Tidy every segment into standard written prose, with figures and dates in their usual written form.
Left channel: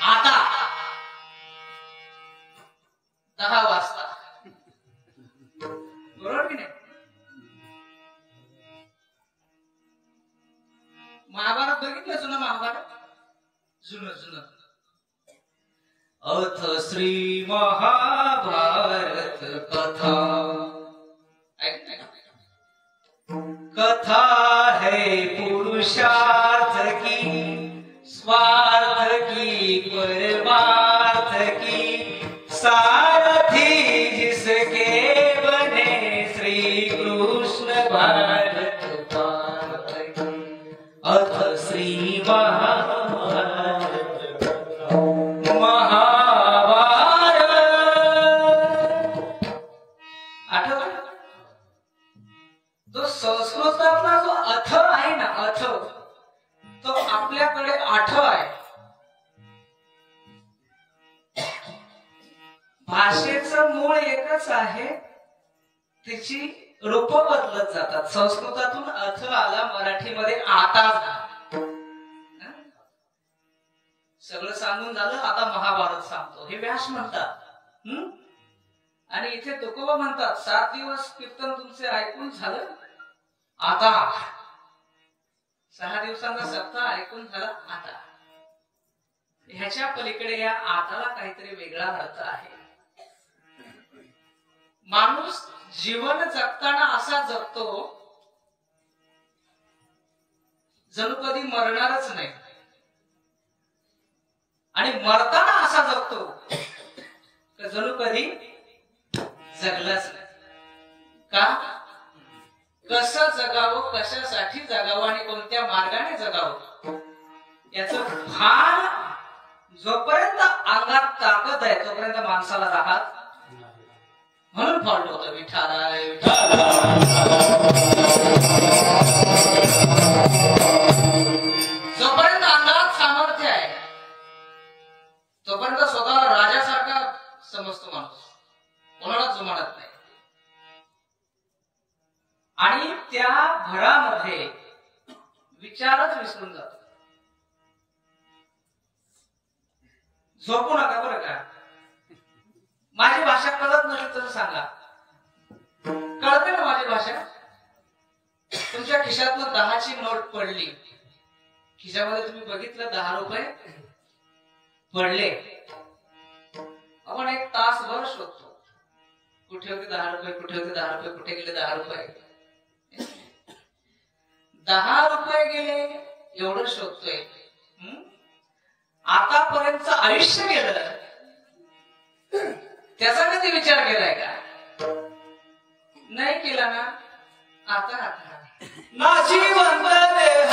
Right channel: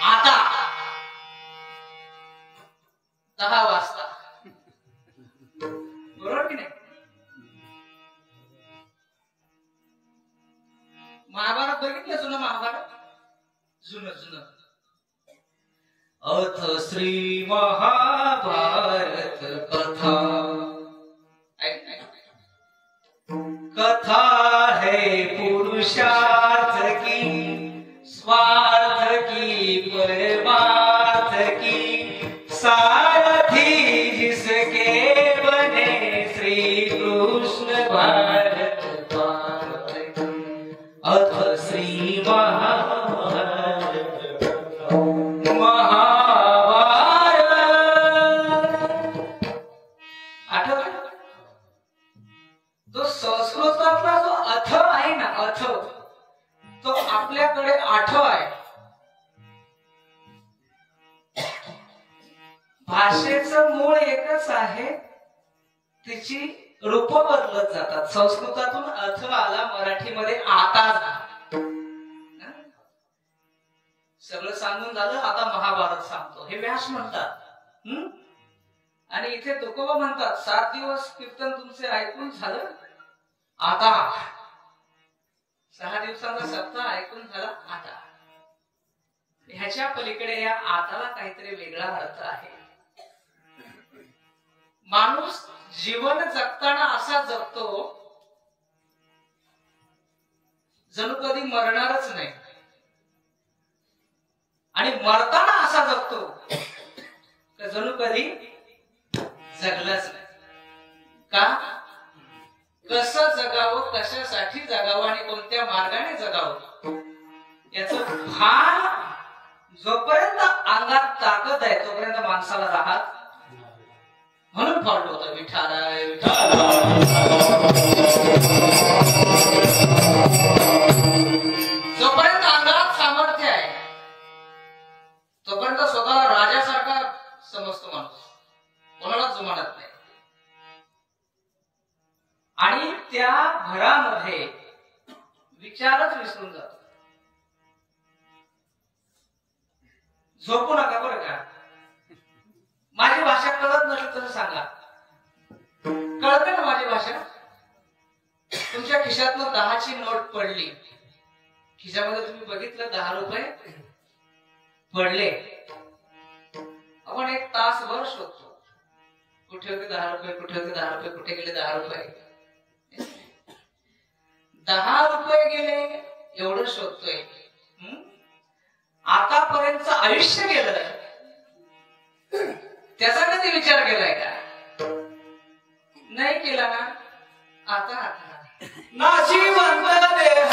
आता 10 वाजता बरोबर की नाही? महाभारत बघितलं जुनं महाभारत जुनं अथ श्री महाभारत कथा कथा है पुरुषार्थ की स्वार्थ की परमार्थ की सारथी जिसके बने श्री कृष्ण भारत भारत की अथ श्री महाभारत तो संस्कृतातला जो अथ आहे ना अथ तो आपल्याकडे आठ आहे. भाषेचं मूळ एकच आहे, तिची रूप बदलत जातात. संस्कृतातून अथ आला, मराठीमध्ये आता सगळं सांगून झालं. आता महाभारत सांगतो हे व्यास म्हणतात. आणि इथे तुकोबा म्हणतात 7 दिवस कीर्तन तुमचे ऐकून झालं, आता 6 दिवसांचा सप्ताह ऐकून झाला, आता. ह्याच्या पलीकडे या आताला काहीतरी वेगळा अर्थ आहे. माणूस जीवन जगताना असा जगतो जणू कधी मरणारच नाही, आणि मरताना असा जगतो जणू कधी जगलाच नाही. का? कसं जगावं, कशासाठी जगावं आणि कोणत्या मार्गाने जगावं याचं भान जोपर्यंत अंगात ताकद आहे तोपर्यंत माणसाला राहत. म्हणून फॉल्ट होतं विठाला जोपर्यंत अंगात सामर्थ्य आहे तोपर्यंत स्वतःला राजासारखा समजतो माणूस, कोणालाच जुमानत नाही. आणि त्या भरामध्ये विचारच विसरून जातो. झोपू नका बरं का. माझी भाषा कळत नसेल तर सांगा. कळते ना माझी भाषा? तुमच्या खिशातनं 10ची नोट पडली, खिशामध्ये तुम्ही बघितलं 10 रुपये पडले. आपण 1 तासभर शोधतो, कुठे होते 10 रुपये, कुठे होते 10 रुपये, कुठे गेले 10 रुपये. 10 रुपये गेले एवढं शोधतोय. आतापर्यंत आयुष्य गेलं त्याचा कधी विचार केलाय का? नाही केला ना. आता नाशिवंत देह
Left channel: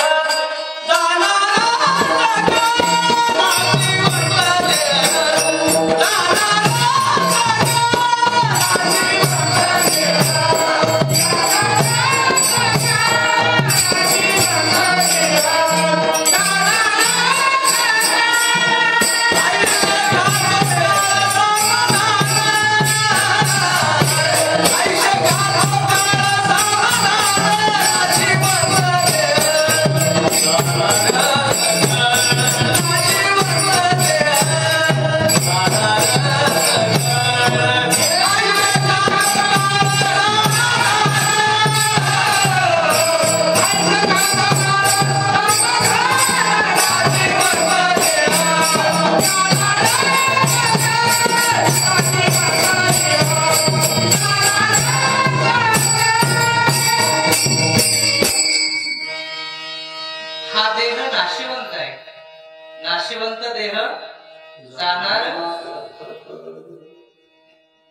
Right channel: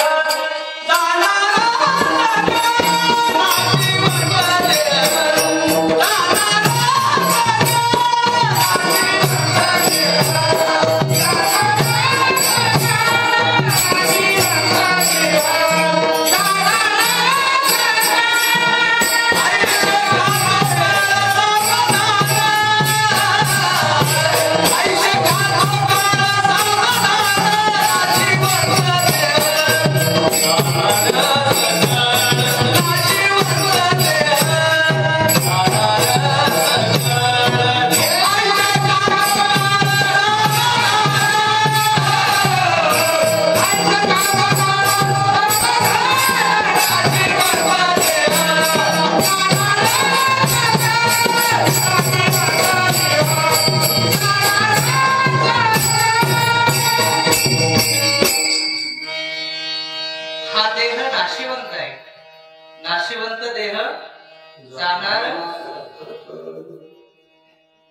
नाशिवंत देह जाणार.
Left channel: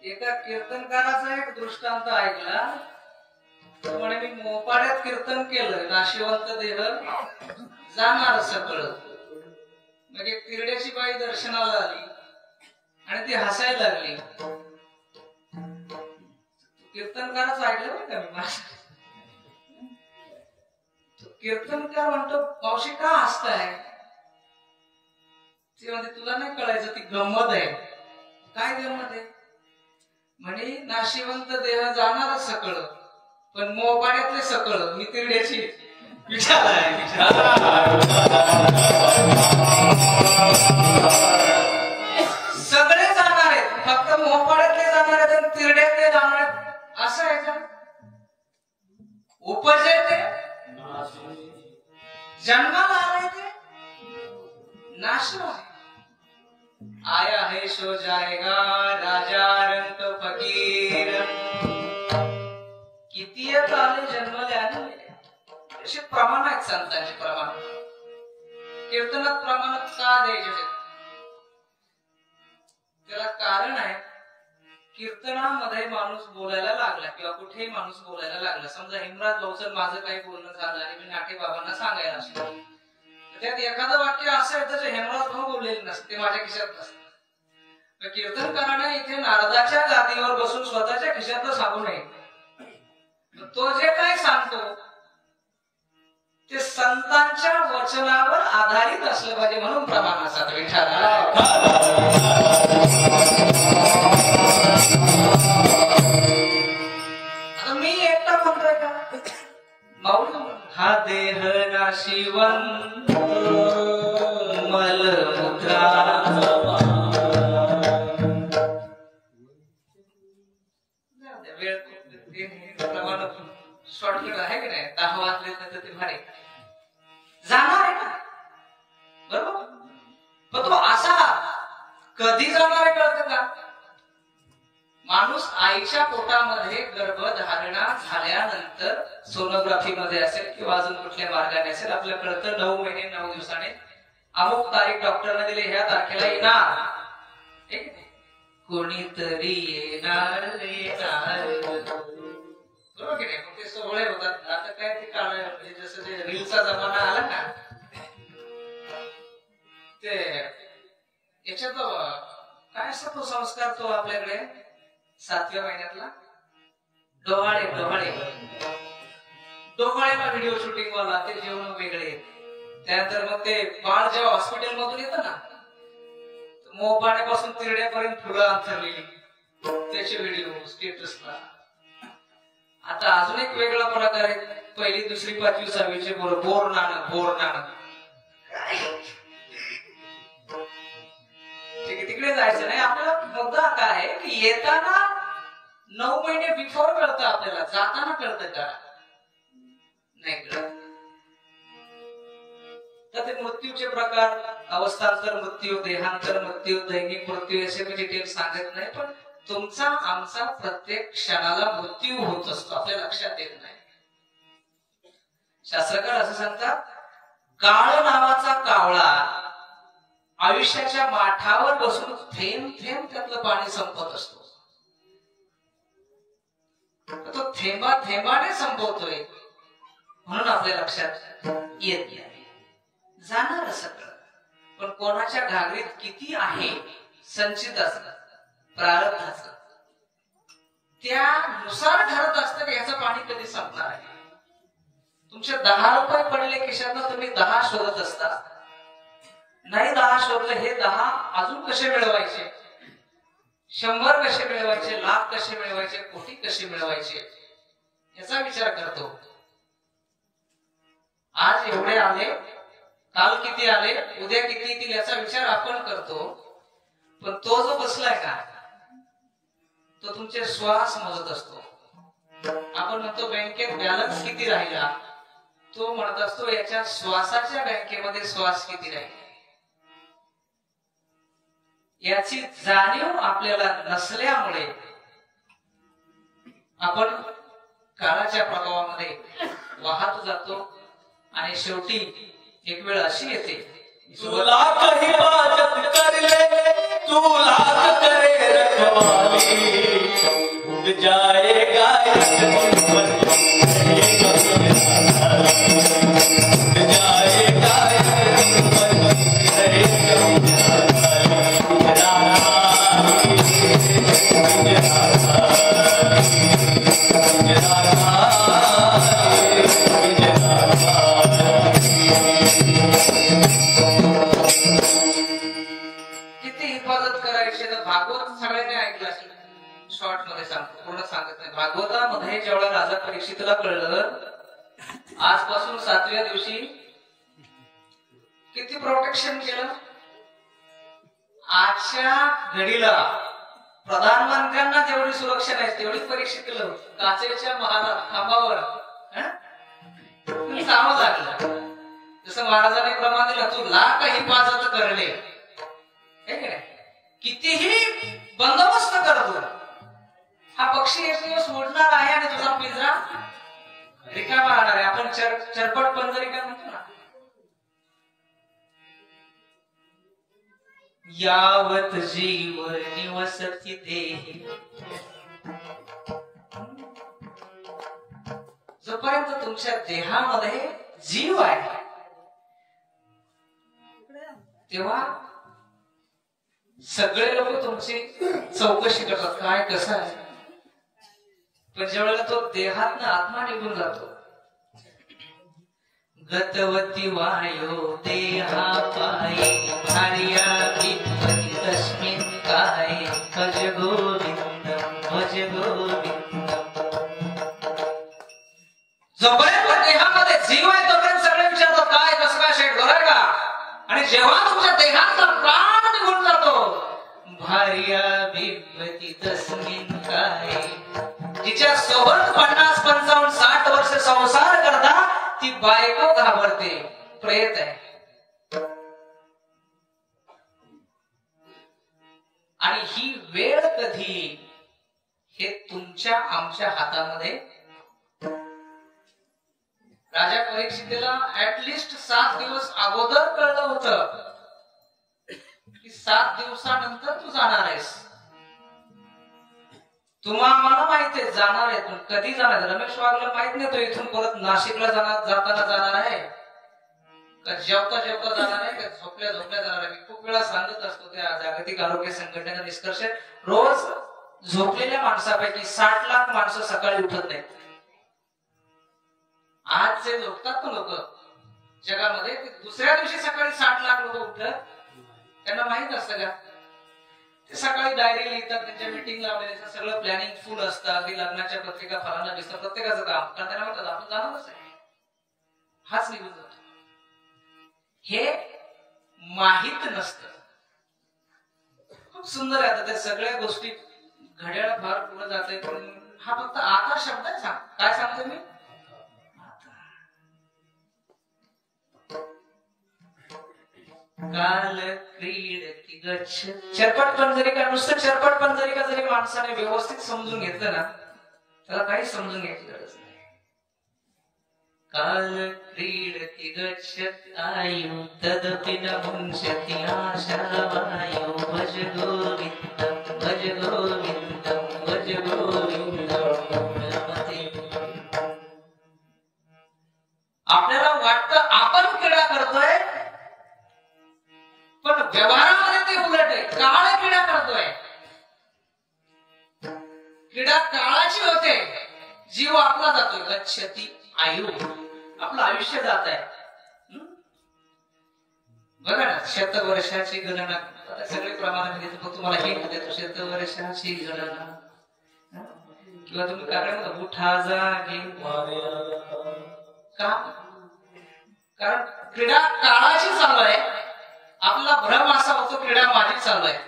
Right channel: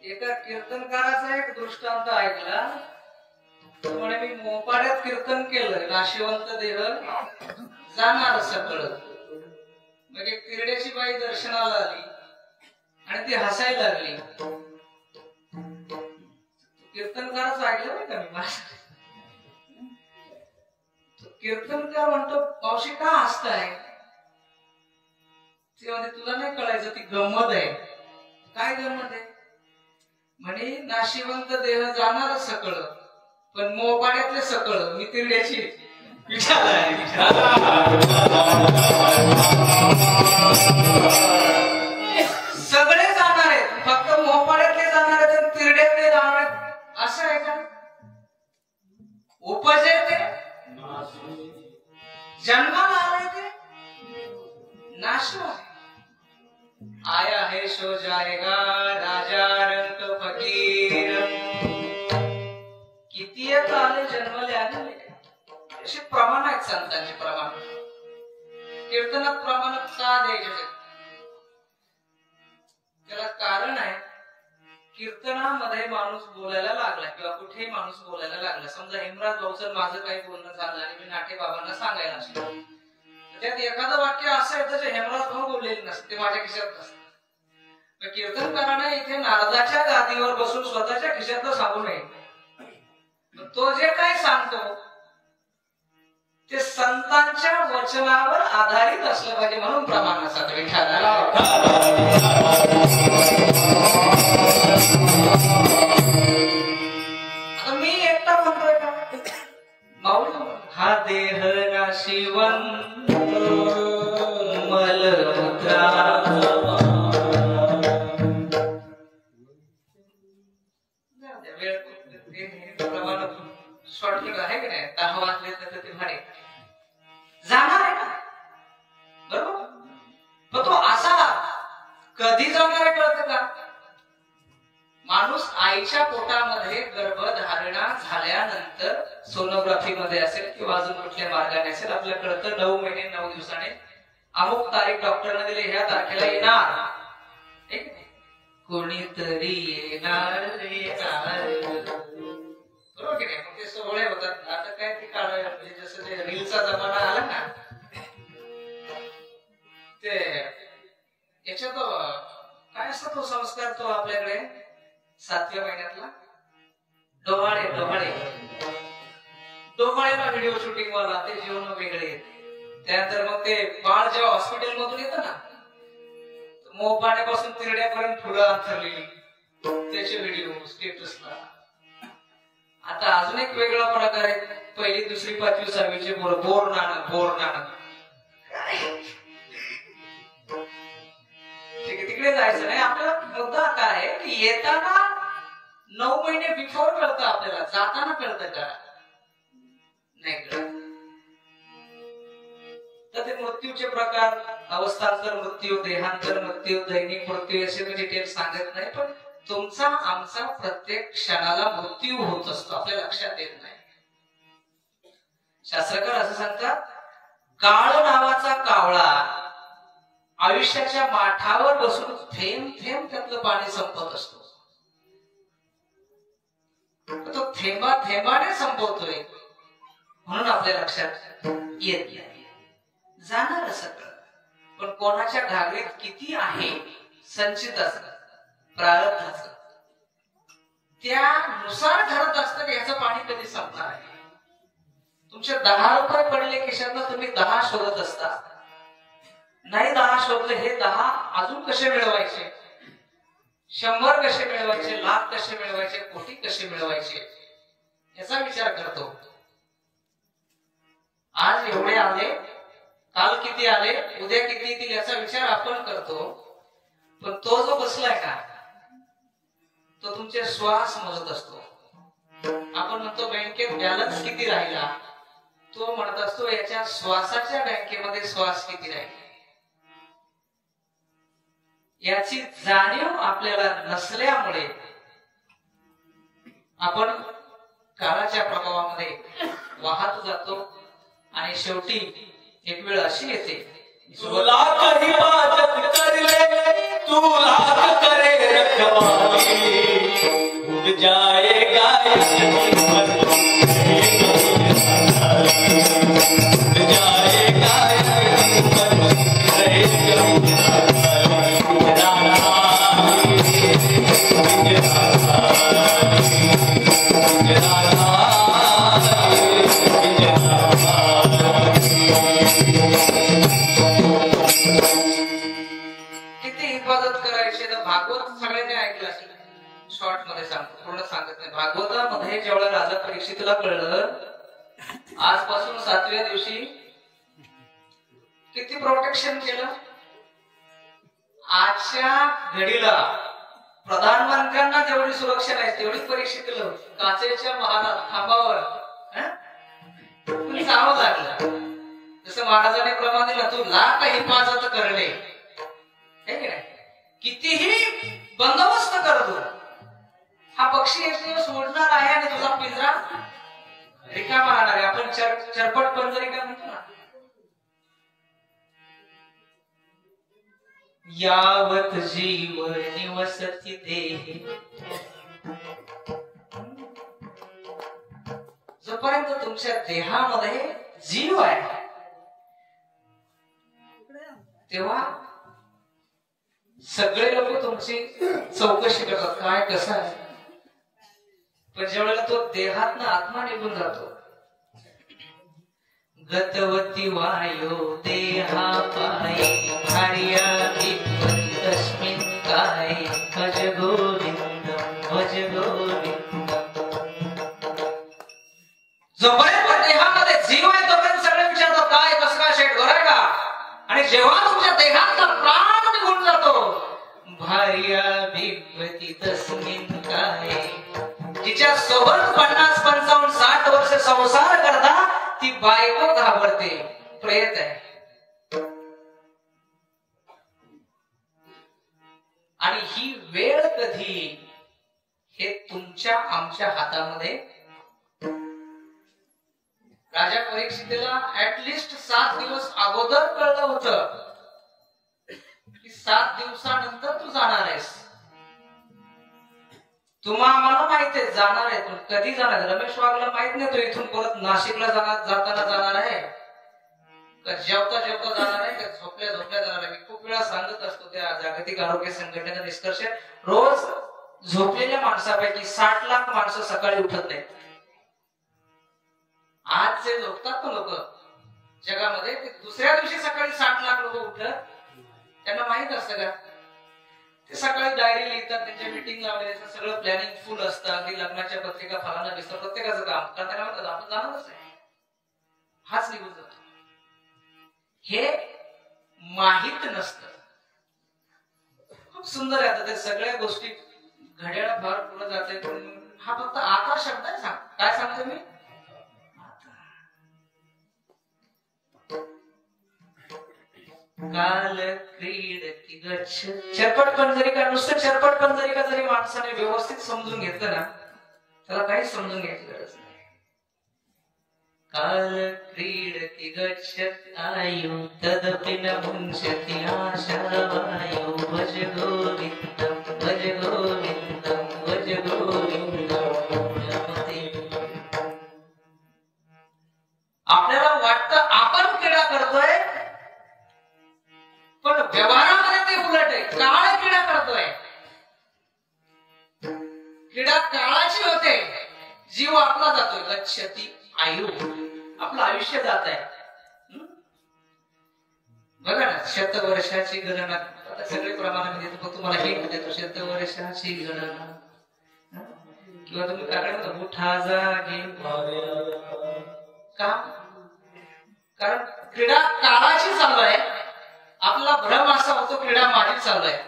एका कीर्तनकाराचा एक दृष्टांत ऐकला. म्हणे मी मोपाड्यात कीर्तन केलं, नाशिवंत देह जाणार सकळ. म्हणजे किरड्याची बाई दर्शनाला आली आणि ती हसायला लागली. कीर्तनकाराचं ऐकलं बरं का मी. कीर्तनकार म्हणतो मावशी का हसताय? तुला नाही कळायचं ती गंमत आहे. काय गंमत आहे? म्हणे नाशिवंत देह जाणार सकळ, पण मोबाड्यातले सकळ मी तिरड्याची विचार आहे. उपजे ते जन्माला आले ते नाश आया है सो जाएगा राजा रंग फकीर किती आले जन्माले आले असे प्रमाण आहेत संतांचे प्रमाण कीर्तनात प्रमाणात का द्यायचे त्याला कारण आहे कीर्तनामध्ये माणूस बोलायला लागला किंवा कुठेही माणूस बोलायला लागला समजा हेमराज भाऊचं माझं काही बोलणं झालं आणि मी नाटे बाबांना सांगायला असतो त्यात एखादं वाक्य असं येतं जे हेमराज भाऊ बोललेले नसते ते माझ्या खिशात नसतं कीर्तनकाराने इथे नारदाच्या गादीवर बसून स्वतःच्या खिशातलं सांगू नये तो जे काही सांगतो ते संतांच्या वचनावर आधारित असलं पाहिजे म्हणून प्रमाणाचा विठाला आता मी एकटा म्हणतोय का माऊली हा देह नाशिवन मलमूत्रा शॉर्टकट आहे की नाही 10 वाजले तर ते भाडे जाणार आहे ना बरोबर पण तो असा कधी जाणार आहे कळतं का माणूस आईच्या पोटामध्ये गर्भधारणा झाल्यानंतर सोनोग्राफी मध्ये असेल किंवा अजून कुठल्या मार्गाने असेल आपल्याला कळतं 9 महिने 9 दिवसाने अमुक तारीख डॉक्टरने दिली ह्या तारखेला येणार ठीक कोणीतरी येणार बरोबर की नाही मग ते सोहळे होतात आता काय ते काळ जसं ते रीलचा जमाना आला ना ते याच्यात काय असतो तो संस्कार तो आपल्याकडे 7व्या महिन्यातला डोहाळे डोहाळेला व्हिडिओ शूटिंग वाला ते जेवण वेगळे त्यानंतर मग ते बाळ जेव्हा हॉस्पिटल मधून येतं ना मोपाण्यापासून तिरड्यापर्यंत फुलं अंथरलेली त्याचे व्हिडिओ स्टेटसला आता अजून एक वेगळा प्रकार आहे 1ली 2री 5वी 6वीचे बोर नाणं तिकडे जायचं नाही आपल्याला मुद्दा काय आहे की येताना 9 महिने बिफोर कळतं आपल्याला जाताना कळतं का नाही कळत तर ते मृत्यूचे प्रकार अवस्थांतर मृत्यू देहांतर मृत्यू दैनिक मृत्यू असे मी डिटेल सांगत नाही पण तुमचा आमचा प्रत्येक क्षणाला मृत्यू होत असतो आपल्या लक्षात येत नाही शास्त्रकार असं सांगतात काळ नावाचा कावळा आयुष्याच्या माठावर बसून थेंब थेंब त्यातलं पाणी संपत असतो तो थेंबा थेंबाने संपवतोय म्हणून आपल्या लक्षात येत नाही जाणार सगळं पण कोणाच्या घागरीत किती आहे संचित असत प्रारब्धाचं त्यानुसार ठरत असतं याचं पाणी कधी संपणार आहे तुमचे 10 रुपये पडले खिशातनं तुम्ही 10 शोधत असता नाही 10 शोधले हे 10 अजून कसे मिळवायचे 100 कसे मिळवायचे लाख कसे मिळवायचे कोटी कसे मिळवायचे याचा विचार करतो आज एवढे आले काल किती आले उद्या किती येतील याचा विचार आपण करतो पण तो जो बसलाय का तो तुमचे श्वास मोजत असतो आपण म्हणतो बँकेत बॅलन्स किती राहिला तो म्हणत असतो याच्या श्वासाच्या बँकेमध्ये श्वास किती राहिला याची जाणीव आपल्याला नसल्यामुळे आपण काळाच्या प्रभावामध्ये वाहत जातो आणि शेवटी एक वेळ अशी येते जो लाख हिफाजत कर ले तू लाख करे रखवाली उड़ जाएगा शॉर्ट मध्ये सांगतो पूर्ण सांगत नाही भागवतामध्ये जेवढा राजा परीक्षितला कळलं आजपासून 7व्या दिवशी किती प्रोटेक्शन केलं आजच्या घडीला प्रधानमंत्र्यांना जेवढी सुरक्षा नाही तेवढी परीक्षित केलं काचेच्या महाराज खांबावर जावं लागलं. जसं महाराजांनी प्रमाण दिलं, तू लाख हिफाजत करले, कितीही बंदोबस्त करतो, हा पक्षी एक दिवस उडणार आहे आणि तुझा पिंजरा रिकामा राहणार आहे. आपण चरपट पंजरिका म्हणतो ना. यावत जीव निवसती देहे, जोपर्यंत तुमच्या देहामध्ये जीव आहे तेव्हा सगळे लोक तुमची चौकशी करतात, काय कसं आहे. पण ज्यावेळेला तो देहातनं आत्मा निघून जातो, गतवती वायो देहा पाये, हरिया तस्मिन् काय, भज गोविंदम भज गोविंदम. जोपर्यंत देहामध्ये जीव आहे तोपर्यंत सगळे विचारतो काय कसं काय शेठ बरं का. आणि जेव्हा तुमच्या देहातला प्राण निघून जातो, भार्या बिगवती तस्मिन् काय, तिच्या सोबत 50, 55, 60 वर्ष संसार करता ती बायको घाबरते, प्रेत आहे. आणि ही वेळ कधी हे तुमच्या आमच्या हातामध्ये. राजा परीक्षितेला ऍटलिस्ट 7 दिवस अगोदर कळलं होतं की 7 दिवसानंतर तू जाणार आहेस. तुम्हाला माहिती आहे जाणार आहे, पण कधी जाणार. रमेश वाघला माहित नाही तो इथून परत नाशिकला जाताना जाणार आहे का जेवता जेवता जाणार आहे का झोपल्या झोपल्या जाणार आहे. मी खूप वेळा सांगत असतो त्या जागतिक आरोग्य संघटनेचा निष्कर्ष, रोज झोपलेल्या माणसापैकी 60 लाख माणसं सकाळी उठत नाहीत. आज जे झोपतात ना लोक जगामध्ये, दुसऱ्या दिवशी सकाळी 60 लाख लोक उठतात. त्यांना माहित असतं का, ते सकाळी डायरी लिहितात, त्यांच्या मीटिंग लावले, सगळं प्लॅनिंग फुल असतं, अगदी लग्नाच्या पत्रिका फलाना दिसतं, प्रत्येकाचं काम. कारण त्यांना म्हणतात आपण जाणारच आहे, हाच निघून जातो. हे माहित नसतं. खूप सुंदर आहे. आता त्या सगळ्या गोष्टी घड्याळ फार पुढे जाते, पण हा फक्त आता शब्द आहे. काय सांगते मी, काल क्रीडती गच्छ. चरपट पंजरिका, नुसतं चरपट पंजरिका जरी माणसाने व्यवस्थित समजून घेतलं ना, त्याला काहीच समजून घ्यायची गरज नाही. काल क्रीडती गच्छति आयु तदपि न मुंशति आशा वायु. भज गोविंदम भज गोविंदम भज गोविंदम. आपल्याला वाटतं आपण क्रीडा करतोय, पण व्यवहारामध्ये ते उलट आहे. काळ क्रीडा करतोय. क्रीडा काळाची होते, जीव आपला जातोय. गच्छति आयु, आपलं आयुष्य जात आहे. बघा ना, 100 वर्षाची गणना, सगळे प्रमाणामध्ये तुम्हाला हिंट देतो. 100 वर्षाची गणना, किंवा तुम्ही काय म्हणता उठा जागे का, कारण क्रीडा काळाची चालू आहे. आपला भ्रम असा होतो क्रीडा माझी चालू आहे.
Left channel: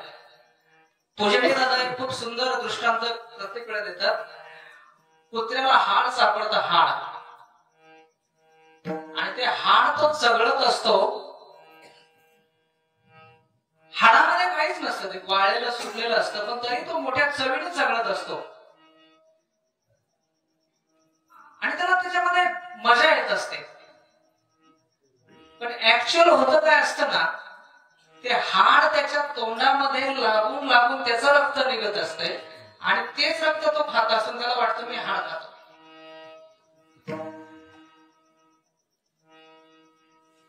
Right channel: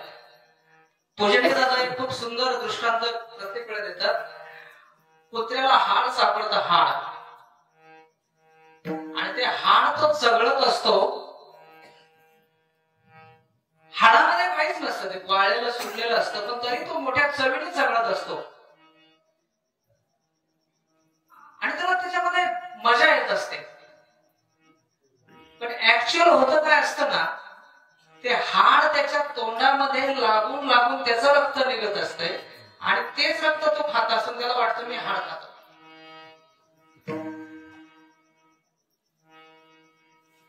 पोजेटी दादा एक खूप सुंदर दृष्टांत प्रत्येक वेळा देतात. कुत्र्याला हाड सापडतं, हाड, आणि ते हाड तो चघळत असतो. हाडामध्ये काहीच नसतं, ते वाळलेलं सुटलेलं असतं, पण तरी तो मोठ्या चवीने चघळत असतो. आणि त्याला त्याच्यामध्ये मजा येत असते. पण ऍक्च्युअल होतं काय असतं ना, ते हाड त्याच्या तोंडामध्ये लागून लागून त्याचं रक्त निघत असतंय, आणि तेच रक्त तो खात असतो. त्याला वाटतं मी हाड खातो.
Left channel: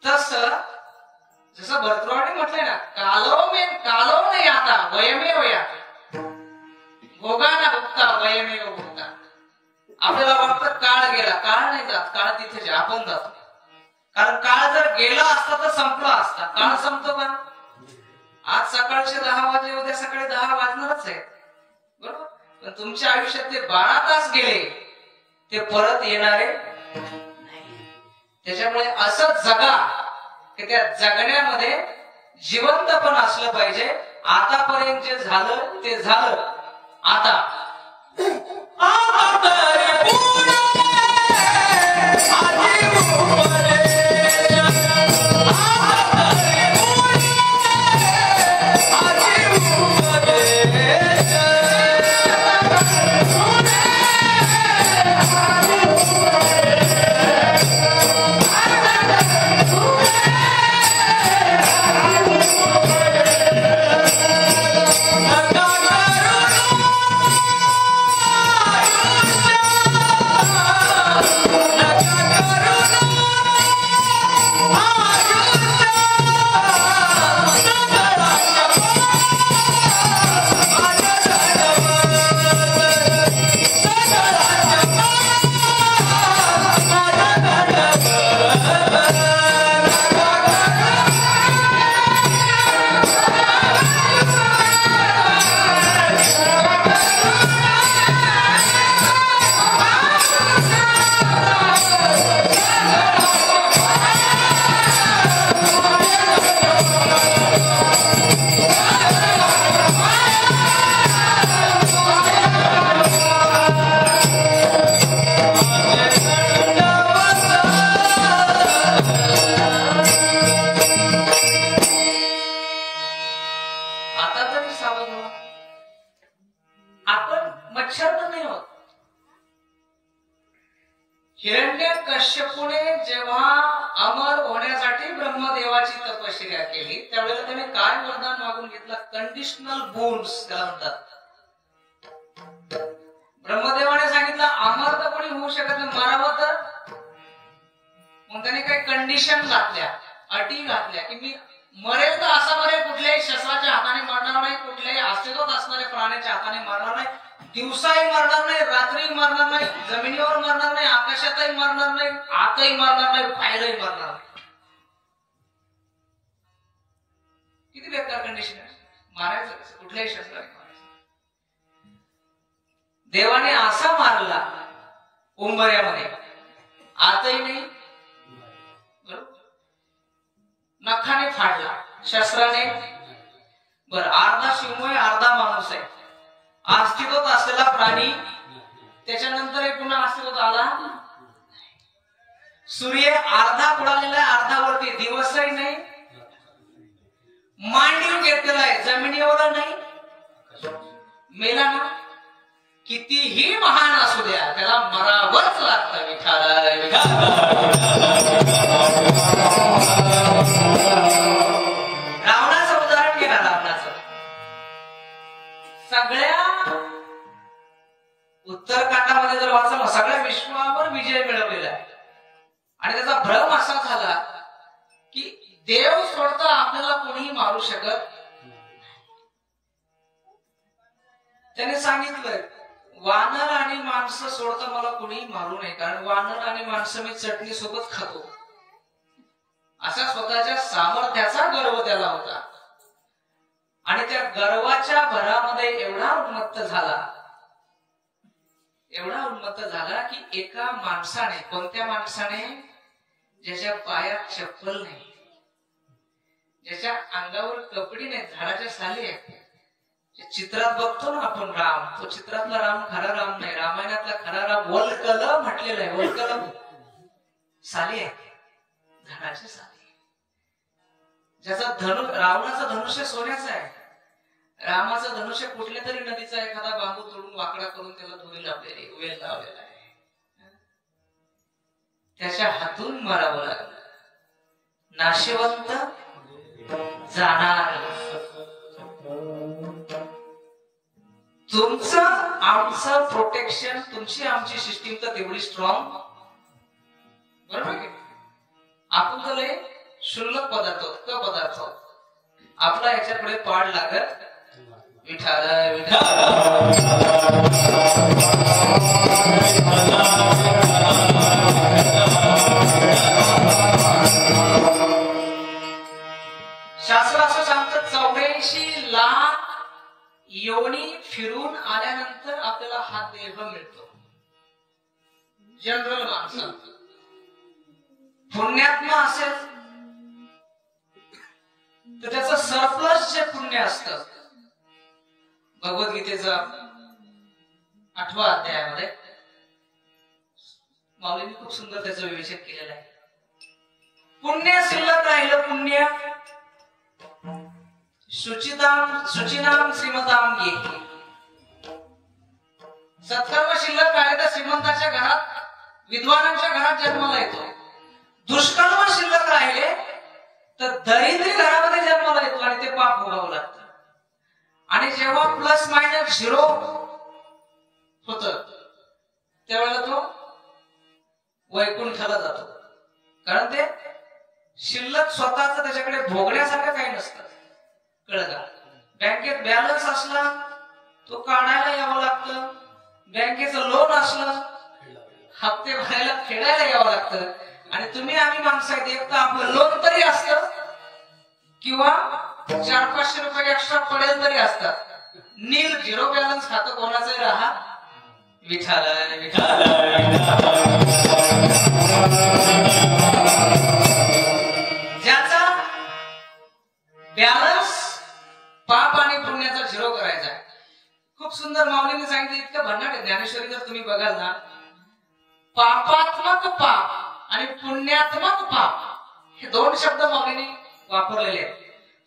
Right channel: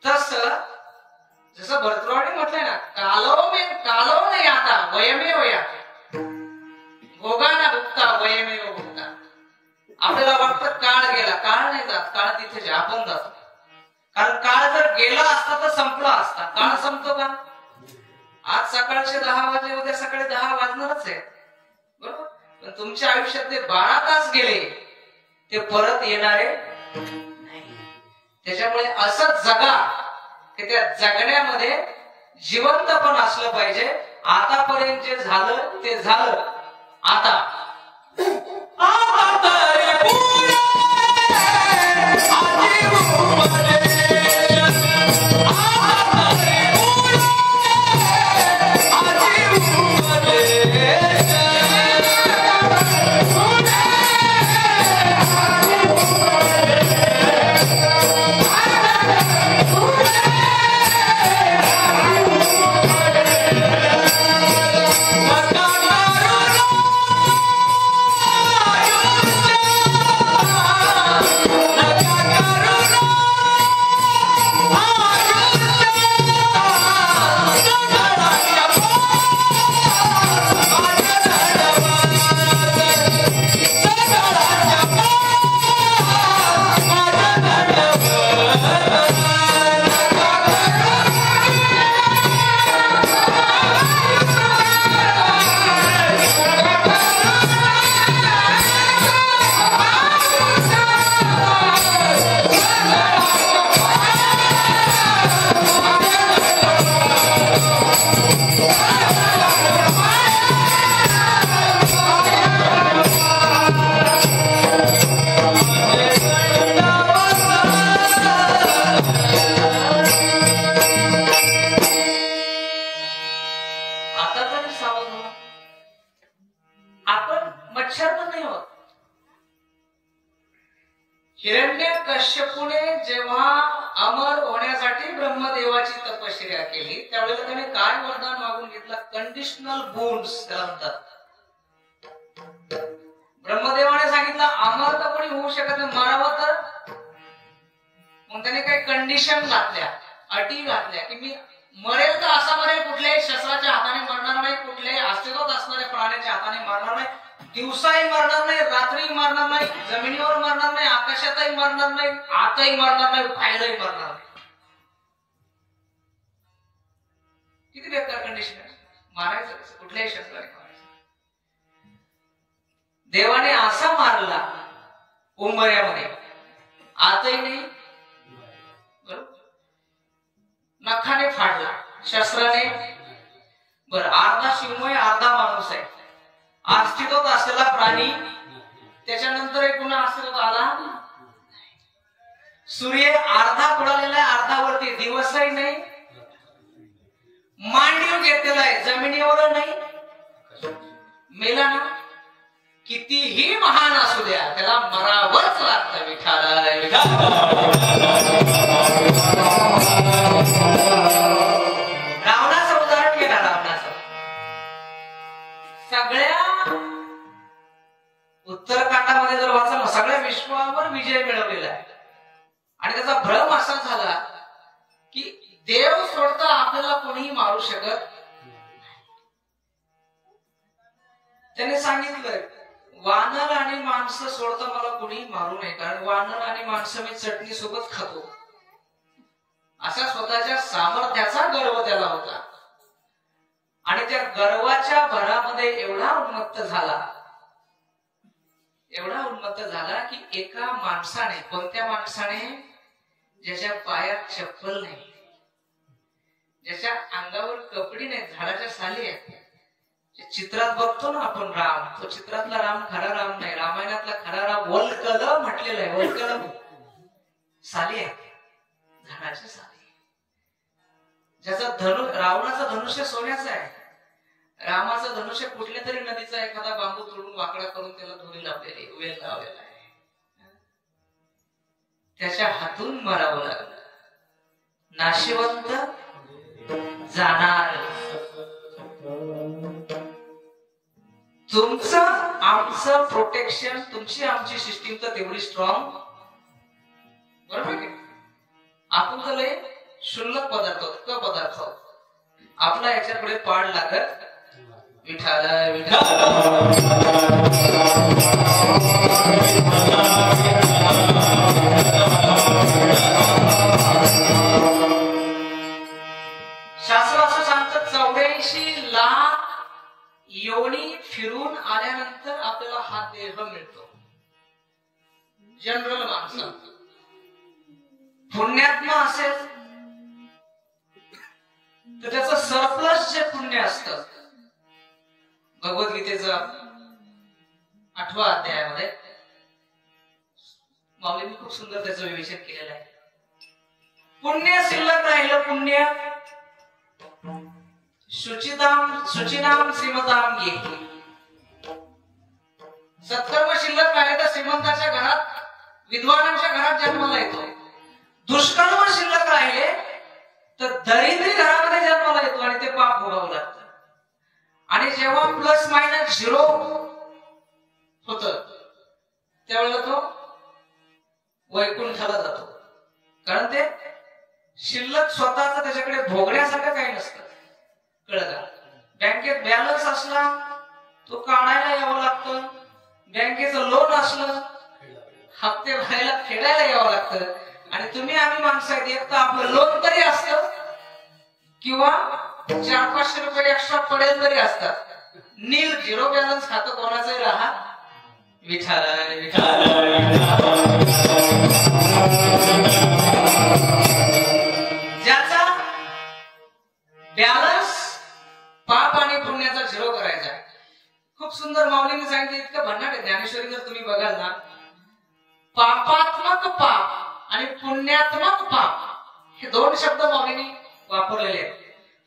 तस जसं भरतवाडी म्हटलंय ना, कालो नाही आता वयमे वया भोगाना भुगता वयमे भुगता. आपल्याला वाटतं काळ गेला, काळ नाही जात, काळ तिथे आपण जातो. कारण काळ जर गेला असता तर संपला असता. काळ संपतो का? आज सकाळचे 10 वाजले, उद्या सकाळी 10 वाजणारच आहे, बरोबर. पण तुमच्या आयुष्यातले 12 तास गेले, ते परत येणारे नाही. त्याच्यामुळे असं जगा की त्या जगण्यामध्ये जिवंत पण असलं पाहिजे. आतापर्यंत जे झालं ते झालं. आता हिरण्यकश्यपूने जेव्हा अमर होण्यासाठी ब्रह्मदेवाची तपश्चर्या केली त्यावेळेला त्याने काय वरदान मागून घेतलं? कंडिशनल बोन्स त्याला म्हणतात. ब्रह्मदेवाने सांगितलं अमर तर कोणी होऊ शकत नाही, मरावं तर. मग त्याने काही कंडिशन घातल्या, अटी घातल्या की मी मरेल तर असा मरेल, कुठल्याही शस्त्राच्या हाताने मरणार नाही, कुठल्याही अस्तित्वात असणाऱ्या प्राण्याच्या हाताने मरणार नाही, दिवसाही मरणार नाही, रात्रीही मरणार नाही, जमिनीवर मरणार नाही, आकाशातही मरणार नाही, आतही मरणार नाही, बाहेरही मरणार नाही. किती बेकार कंडिशन आहे. मारायचं कुठल्याही शस्त्राने मारायचं. देवाने असा मारला उंबऱ्यामध्ये, आतही नाही, नखाने फाडला, शस्त्राने. बरं, अर्धा सिंह आहे, अर्धा माणूस आहे, अस्तित्वात असलेला प्राणी. त्याच्यानंतर एक पुन्हा अस्तित्वात आला. सूर्य अर्धा बुडालेला आहे, अर्धा वरती, दिवसही नाही, मांडीव घेतलेला आहे, जमिनीवर नाही. मेला ना, कितीही महान असू द्या त्याला मरावंच लागतं. विठाला रावणाचं उदाहरण घ्या. रावणाचं सगळ्या उत्तरकांडामध्ये जर वाचलं, सगळ्या विश्वावर विजय मिळवलेला आहे. आणि त्याचा भ्रम असा झाला की देव सोडता आपल्याला कोणीही मारू शकत. त्याने सांगितलं वानर आणि माणसं सोडता मला कोणीही मारू नये, कारण वानर आणि माणसं मी चटणी सोबत खातो. असा स्वतःच्या सामर्थ्याचा गर्व त्याला होता. आणि त्या गर्वाच्या भरामध्ये एवढा उन्मत्त झाला की एका माणसाने, कोणत्या माणसाने, ज्याच्या पायात चप्पल नाही, ज्याच्या अंगावर कपडी नाही, झाडाच्या साली आहेत. चित्रात बघतो ना आपण राम, तो चित्रातला राम खरा राम नाही, रामायणातला खरा राम वल्कल म्हटलेला आहे. वल्कल साली आहे, झाडाच्या साली. ज्याचा रावणाचं धनुष्य सोन्याचं आहे, रामाचं धनुष्य कुठल्या तरी नदीचा एखादा बांबू तोडून वाकडा करून त्याला दोरी लावलेली, वेल लावलेला आहे. त्याच्या हातून मरावं लागलं. नाशिवंत जाणार. तुमचं आमचं प्रोटेक्शन, तुमची आमची सिस्टीम तर तेवढी स्ट्रॉंग, बरोबर आहे. आपण तर शुल्लक पदार्थ, क पदार्थ, आपला याच्यापुढे पाड लागत. विठाला विठाला शास्त्र असं सांगतं 84 लाख योनी फिरून आल्यानंतर आपल्याला हा देह मिळतो. जनरल माणसं. पुण्यात्मा असेल तर त्याचं सरप्लस जे पुण्य असतं, भगवद्गीतेचा 8व्या अध्यायामध्ये माऊलींनी खूप सुंदर त्याचं विवेचन केलेलं आहे. पुण्य शिल्लक राहिलं पुण्य, शुचिनाम श्रीमताम येते. सत्कर्म शिल्लक राहिले तर श्रीमंताच्या घरात, विद्वानांच्या घरात जन्माला येतो. दुष्कर्म शिल्लक राहिले तर दरिद्री घरामध्ये जन्माला येतो आणि ते पाप भोगावं लागतं. आणि जेव्हा प्लस मायनस 0 होत त्यावेळेला तो वैकुंठाला जातो. कारण ते शिल्लक स्वतःच त्याच्याकडे भोगण्यासारखं काही नसतं. कळलं का? बँकेत बॅलन्स असला तो काढायला यावं लागतं. बँकेचं लोन असलं हप्ते भरायला फेडायला यावं लागतं. आणि तुम्ही आम्ही माणसं आहेत, एक तर आपलं लोन तरी असतं किंवा 400-500 रुपये एक्स्ट्रा पडेल तरी असतात. नील 0 बॅलन्स खातं कोणाचंही राहा विठाला. ज्याचा बॅलन्स पाप आणि पुण्याचा 0 करायचा. खूप सुंदर माऊलीने सांगितलं, इतकं भन्नाट आहे. ज्ञानेश्वरी जर तुम्ही बघाल ना, पापात्मक पाप आणि पुण्यात्मक पाप हे 2 शब्द माऊलीने वापरलेले आहेत.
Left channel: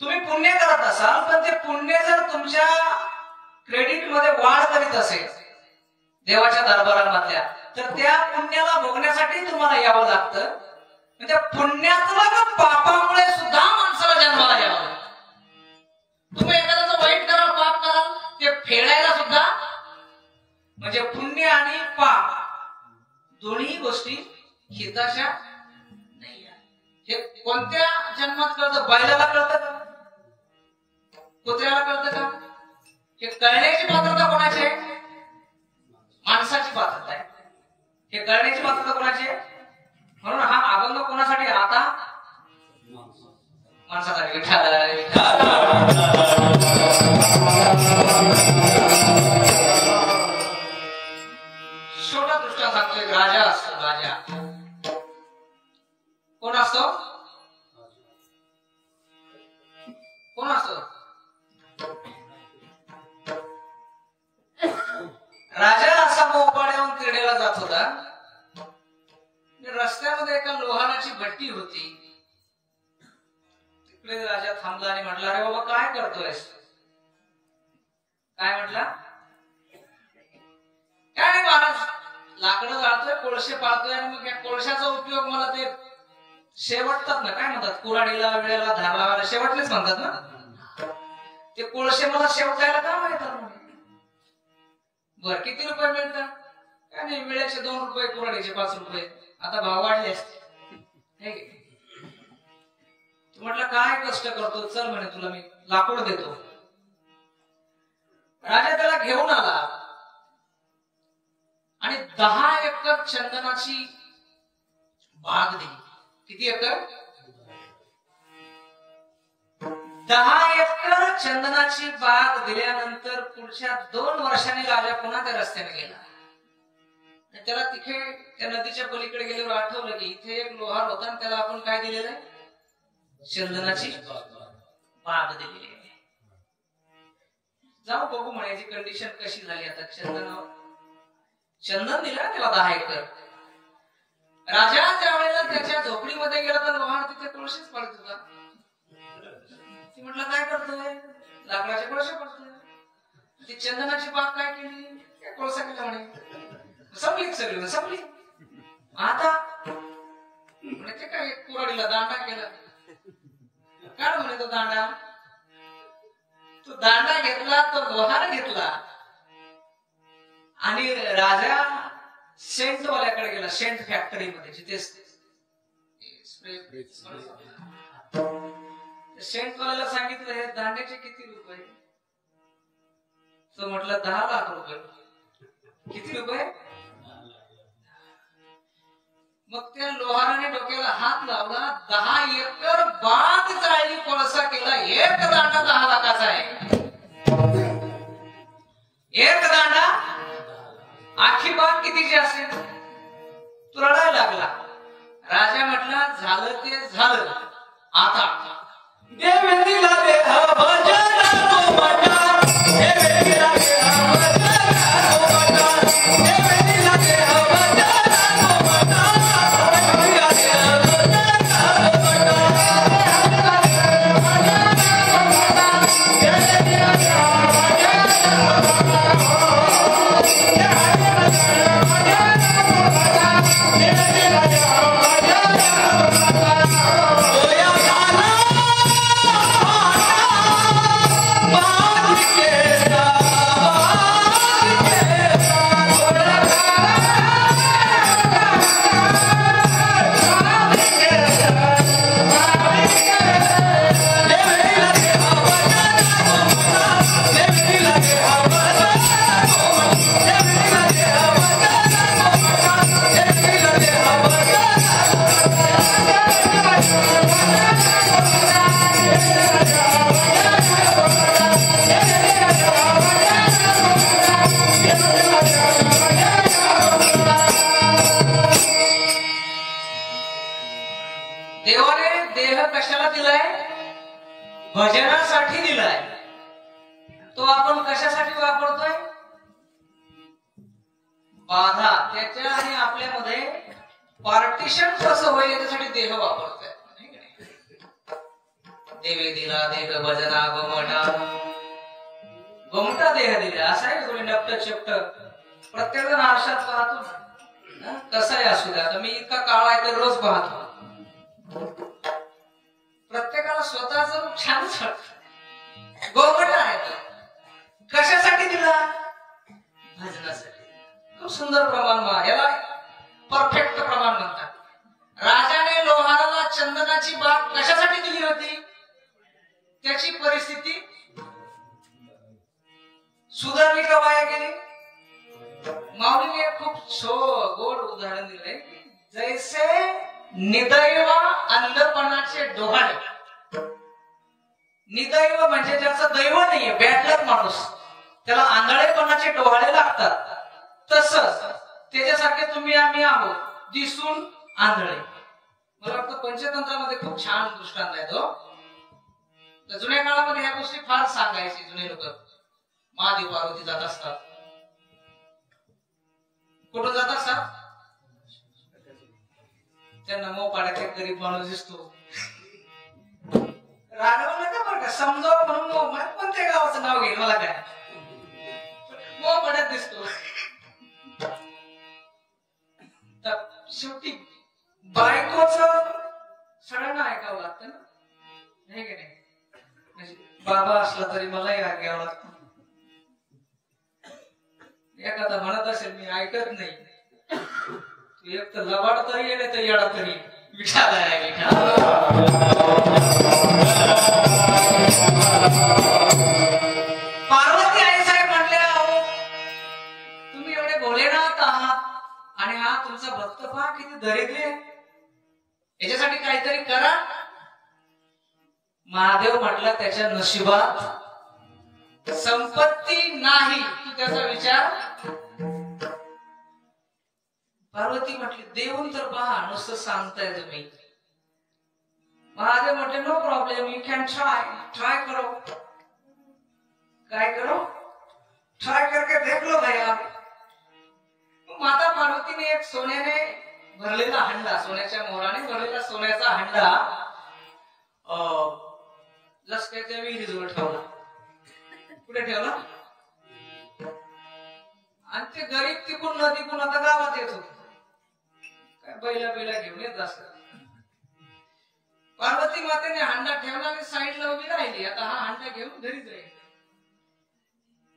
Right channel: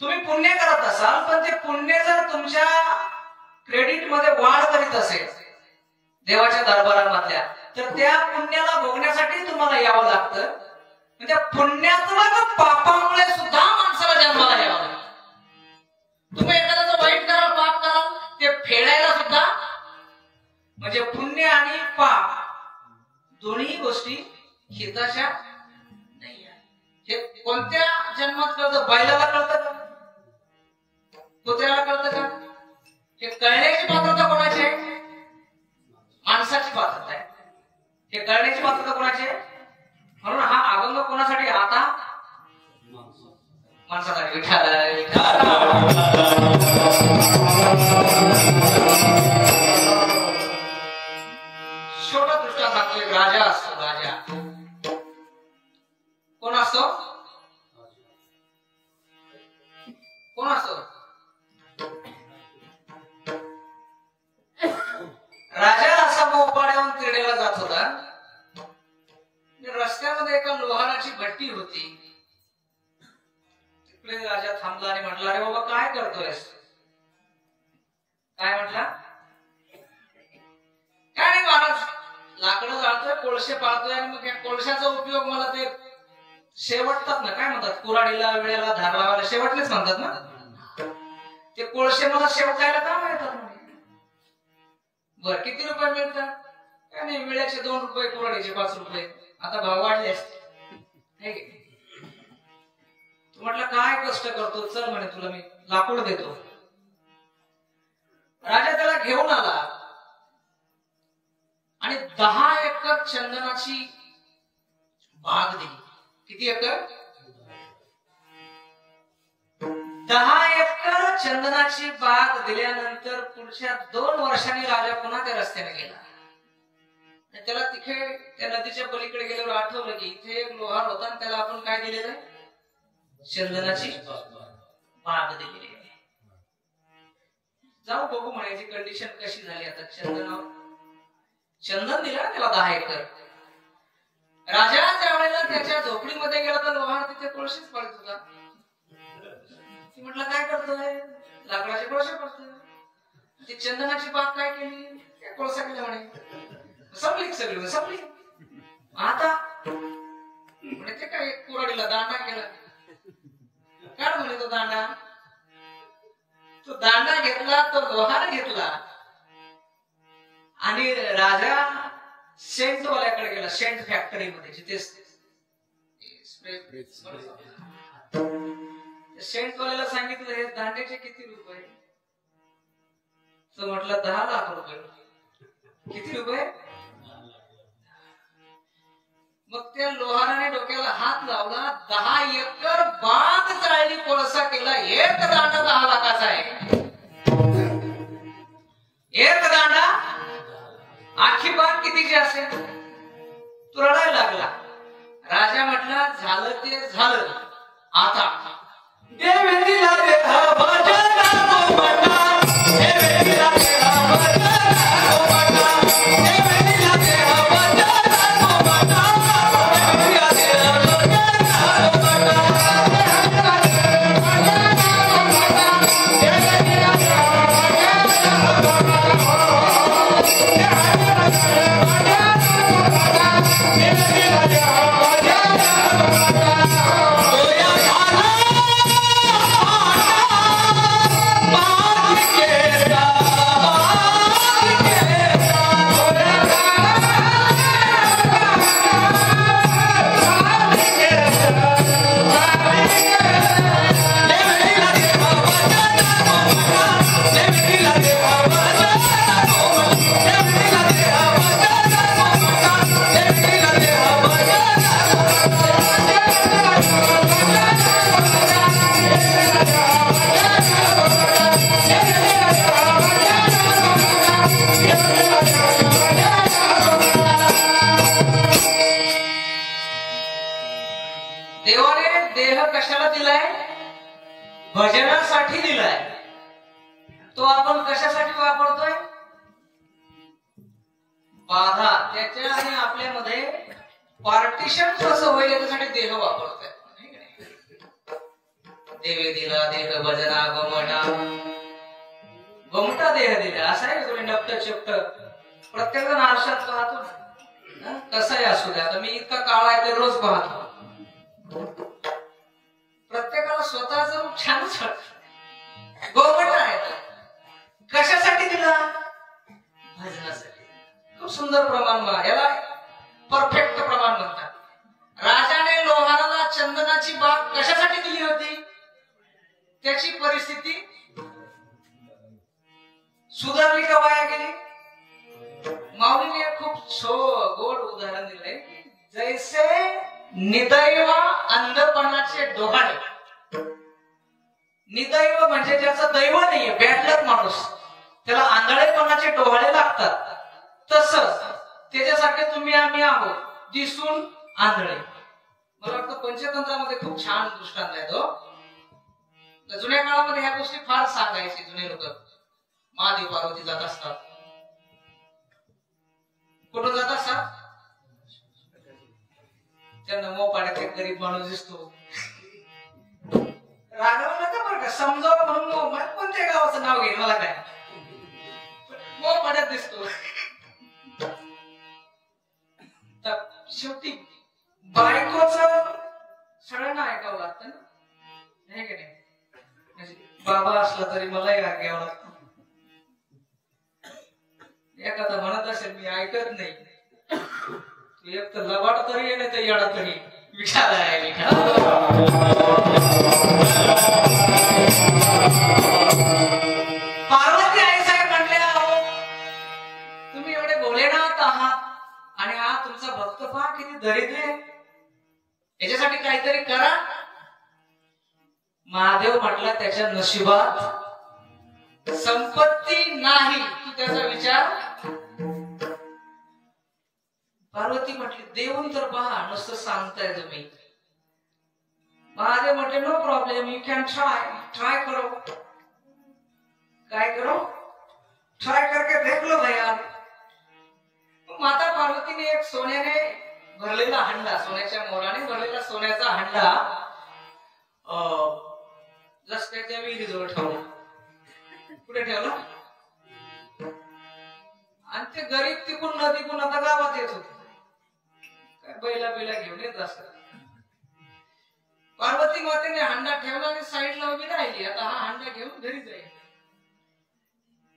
तुम्ही पुण्य करत असाल पण ते पुण्य जर तुमच्या क्रेडिट मध्ये वाढ करीत असेल देवाच्या दरबारामधल्या, तर त्या पुण्याला भोगण्यासाठी तुम्हाला यावं लागतं. म्हणजे पुण्यात्मक पापामुळे सुद्धा माणसाला जन्माला यावं लागतं. तुम्ही एखाद्याचं वाईट कराल, पाप कराल, ते फेडायला सुद्धा, म्हणजे पुण्य आणि पाप दोन्ही गोष्टी हिताच्या नाही आहे. हे कोणत्या जन्मात कळतं? बैलाला कळतं का? कुत्र्याला कळतं का? हे कळण्याची पात्रता कोणाची आहे? माणसाची पात्रता आहे. हे कळण्याची पात्रता कोणाची आहे? म्हणून हा अभंग कोणासाठी? आता माणसासाठी. छोटा दृष्टांत सांगतो. एक राजा असतो. राजा कोण असतो? कोण असतो? राजा असा मोपाड्याहून क्रीडेला जात होता. रस्त्यामध्ये एका लोहाराची भट्टी होती. तिकडे राजा थांबला आणि म्हटला, अरे बाबा काय करतोयस? काय म्हटला? काय नाही महाराज, लाकडं जाळतोय, कोळसे पाळतोय आणि मग कोळशाचा उपयोग मला ते शेवटतात ना, काय म्हणतात, कुऱ्हाडीला, वेळेला, धार लावायला शेवटलेच म्हणतात ना, ते कोळसे मला शेवटायला का मिळतात? बर किती रुपये मिळतात? काय नाही, वेळेचे 2 रुपये, कुऱ्हाडीचे 5 रुपये. आता भाव वाढले असते. तू म्हटलं काय कष्ट करतो, चल म्हणे तुला मी लाकूड देतो. राजा त्याला घेऊन आला आणि 10 एकर चंदनाची बाग दिली. किती एकर? 10 एकर चंदनाची बाग दिल्यानंतर पुढच्या 2 वर्षांनी राजा पुन्हा त्या रस्त्याने गेला. त्याला तिथे त्या नदीच्या पलीकडे गेल्यावर आठवलं की इथे एक लोहार होता आणि त्याला आपण काय दिलेलं? चंदनाची बाग दिलेली. जाऊ बघू म्हणायची कंडिशन कशी झाली. आता चंदन दिलं त्याला 10 एकर. राजा त्यावेळेला त्याच्या झोपडीमध्ये गेला तर लोहार तिथे कोळसेच पाळत होता. म्हटलं काय करतोय? लाकडाचे कोळसे पडतोय. ती चंदनाची बाग काय केली? त्या कोळसा केला म्हणे. संपली सगळी संपली. आता म्हणे ते काय कुऱ्हाडीला दांडा केला. काढ म्हणे तो दांडा. तो दांडा घेतला, तो लोहार घेतला आणि राजा सेंटवाल्याकडे गेला. सेंट फॅक्टरी मध्ये जिथे सेंटवाल्याला सांगितलं हे दांड्याचे किती रुपये? तो म्हटलं 10 लाख रुपये. किती रुपये? मग त्या लोहाराने डोक्याला हात लावला. 10 एकर बाग जाळली, कोळसा केला. एक दांडा 10 लाखाचा आहे. एक दांडा. आखी बाग कितीची असेल? तो रडायला लागला. राजा म्हटला झालं ते झालं. आता देवेंद्रला देहा भजना तो बना. देवेंद्रला देहा भजना तो बना. देवेंद्रला देहा भजना तो बना. कशासाठी दिलाय तो आपण कशासाठी वापरतोय? बाधा त्याच्या आणि आपल्यामध्ये पार्टिशन कसं होईल याच्यासाठी देह वापरतोय. देवे दिला देह भजना गोमटा गोमटा देह दिला असं आहे. थोडी नपट चपट प्रत्येक जण आरशात पाहतो कसंही असू द्या. आता मी इतका काळा आहे ते रोज पाहतो. प्रत्येकाला स्वतःच रूप छानच वाटत. गोमटा आहे कशासाठी दिला? भजनासाठी. खूप सुंदर प्रमाण याला परफेक्ट प्रमाण म्हणतात. राजाने लोहाराला चंदनाची बाग कशासाठी दिली होती? त्याची परिस्थिती सुधारली का वाया गेली? माऊलीने खूप गोड उदाहरण दिलंय. जैसे निदैव अंधपणाचे डोहाळे. निदैव म्हणजे ज्याचं दैव नाहीये, बॅडलक माणूस, त्याला आंधळेपणाचे डोहाळे लागतात. तसंच त्याच्यासारखे तुम्ही आम्ही आहोत, दिसून आंधळे. मला वाटतं पंचतंत्रामध्ये खूप छान दृष्टांत आहे तो. जुन्या काळामध्ये ह्या गोष्टी फार सांगायचे जुने लोक. महादेव पार्वती जात असतात. कुठं जात असतात? त्यांना मोपाड्यात एक गरीब माणूस दिसतो. रागावलं नका बरं का, समजावं म्हणून कोणत्या गावाचं नाव घेईल मला काय. मोपाड्यात दिसतो. शेवटी बायकोच सगळ्यांना ऐकावं लागतं ना, नाही की नाही? बाबा असला तरी मलाही घ्यावं लागतं. एखादा म्हणत असेल मी ऐकत नाही, तू एक तर लबाड तरी ये नाही तर येडा तरी विचार आहे. पार्वती आई साहेब म्हणल्या, तुम्ही एवढे भोलेनाथ आहात आणि हा तुमचा भक्त पहा किती दरिद्र आहे, याच्यासाठी काहीतरी करा. महादेव म्हटला त्याच्या नशिबात संपत्ती नाही, तू त्याचा विचार. पार्वती म्हटली देऊन तर पहा, नुसतं सांगताय तुम्ही. महादेव म्हटले no problem, you can try करो. काय करो? ट्राय करके देख लो भैया. माता पार्वतीने एक सोन्याने भरलेला हंडा, सोन्याच्या मोराने भरलेला सोन्याचा हंडा जस्ट त्याच्या विहिरीजवळ ठेवला. कुठे ठेवला? आणि ते गरीब तिकून नदीकून आता गावात येत होते. काय बैला घेऊन येत असतात. पार्वती मातेने हंडा ठेवला आणि साईडला उभी राहिली. आता हा हंडा घेऊन घरी जाईल.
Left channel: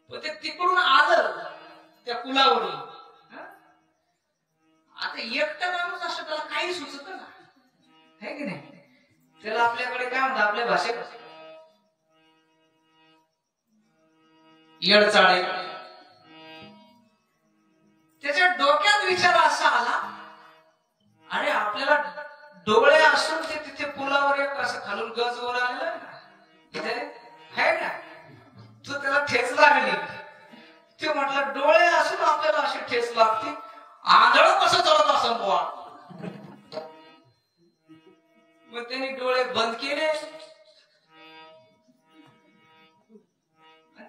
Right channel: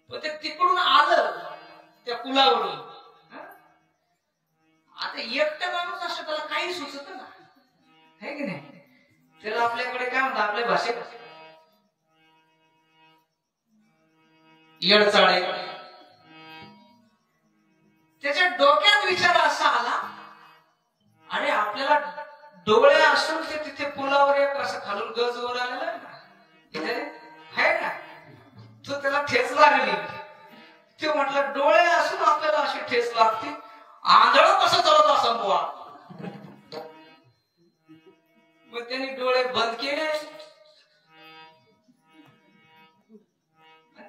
पण ते तिकडून आलं त्या पुलावरून. आता एकटा माणूस असं त्याला काही सुचत ना, है की नाही? त्याला आपल्याकडे काय म्हणतात आपल्या भाषेत येडचाळे. त्याच्या डोक्यात विचार असा आला, अरे आपल्याला डोळे असून ते तिथे पुलावर एक असं खालून गज वर आलेला तिथे आहे ना, तो त्याला ठेच लागली. ते म्हटलं डोळे असून आपल्याला अशी ठेच लागते, आंधळ कसं चालत असं बुवा. मग त्यांनी डोळे बंद केले,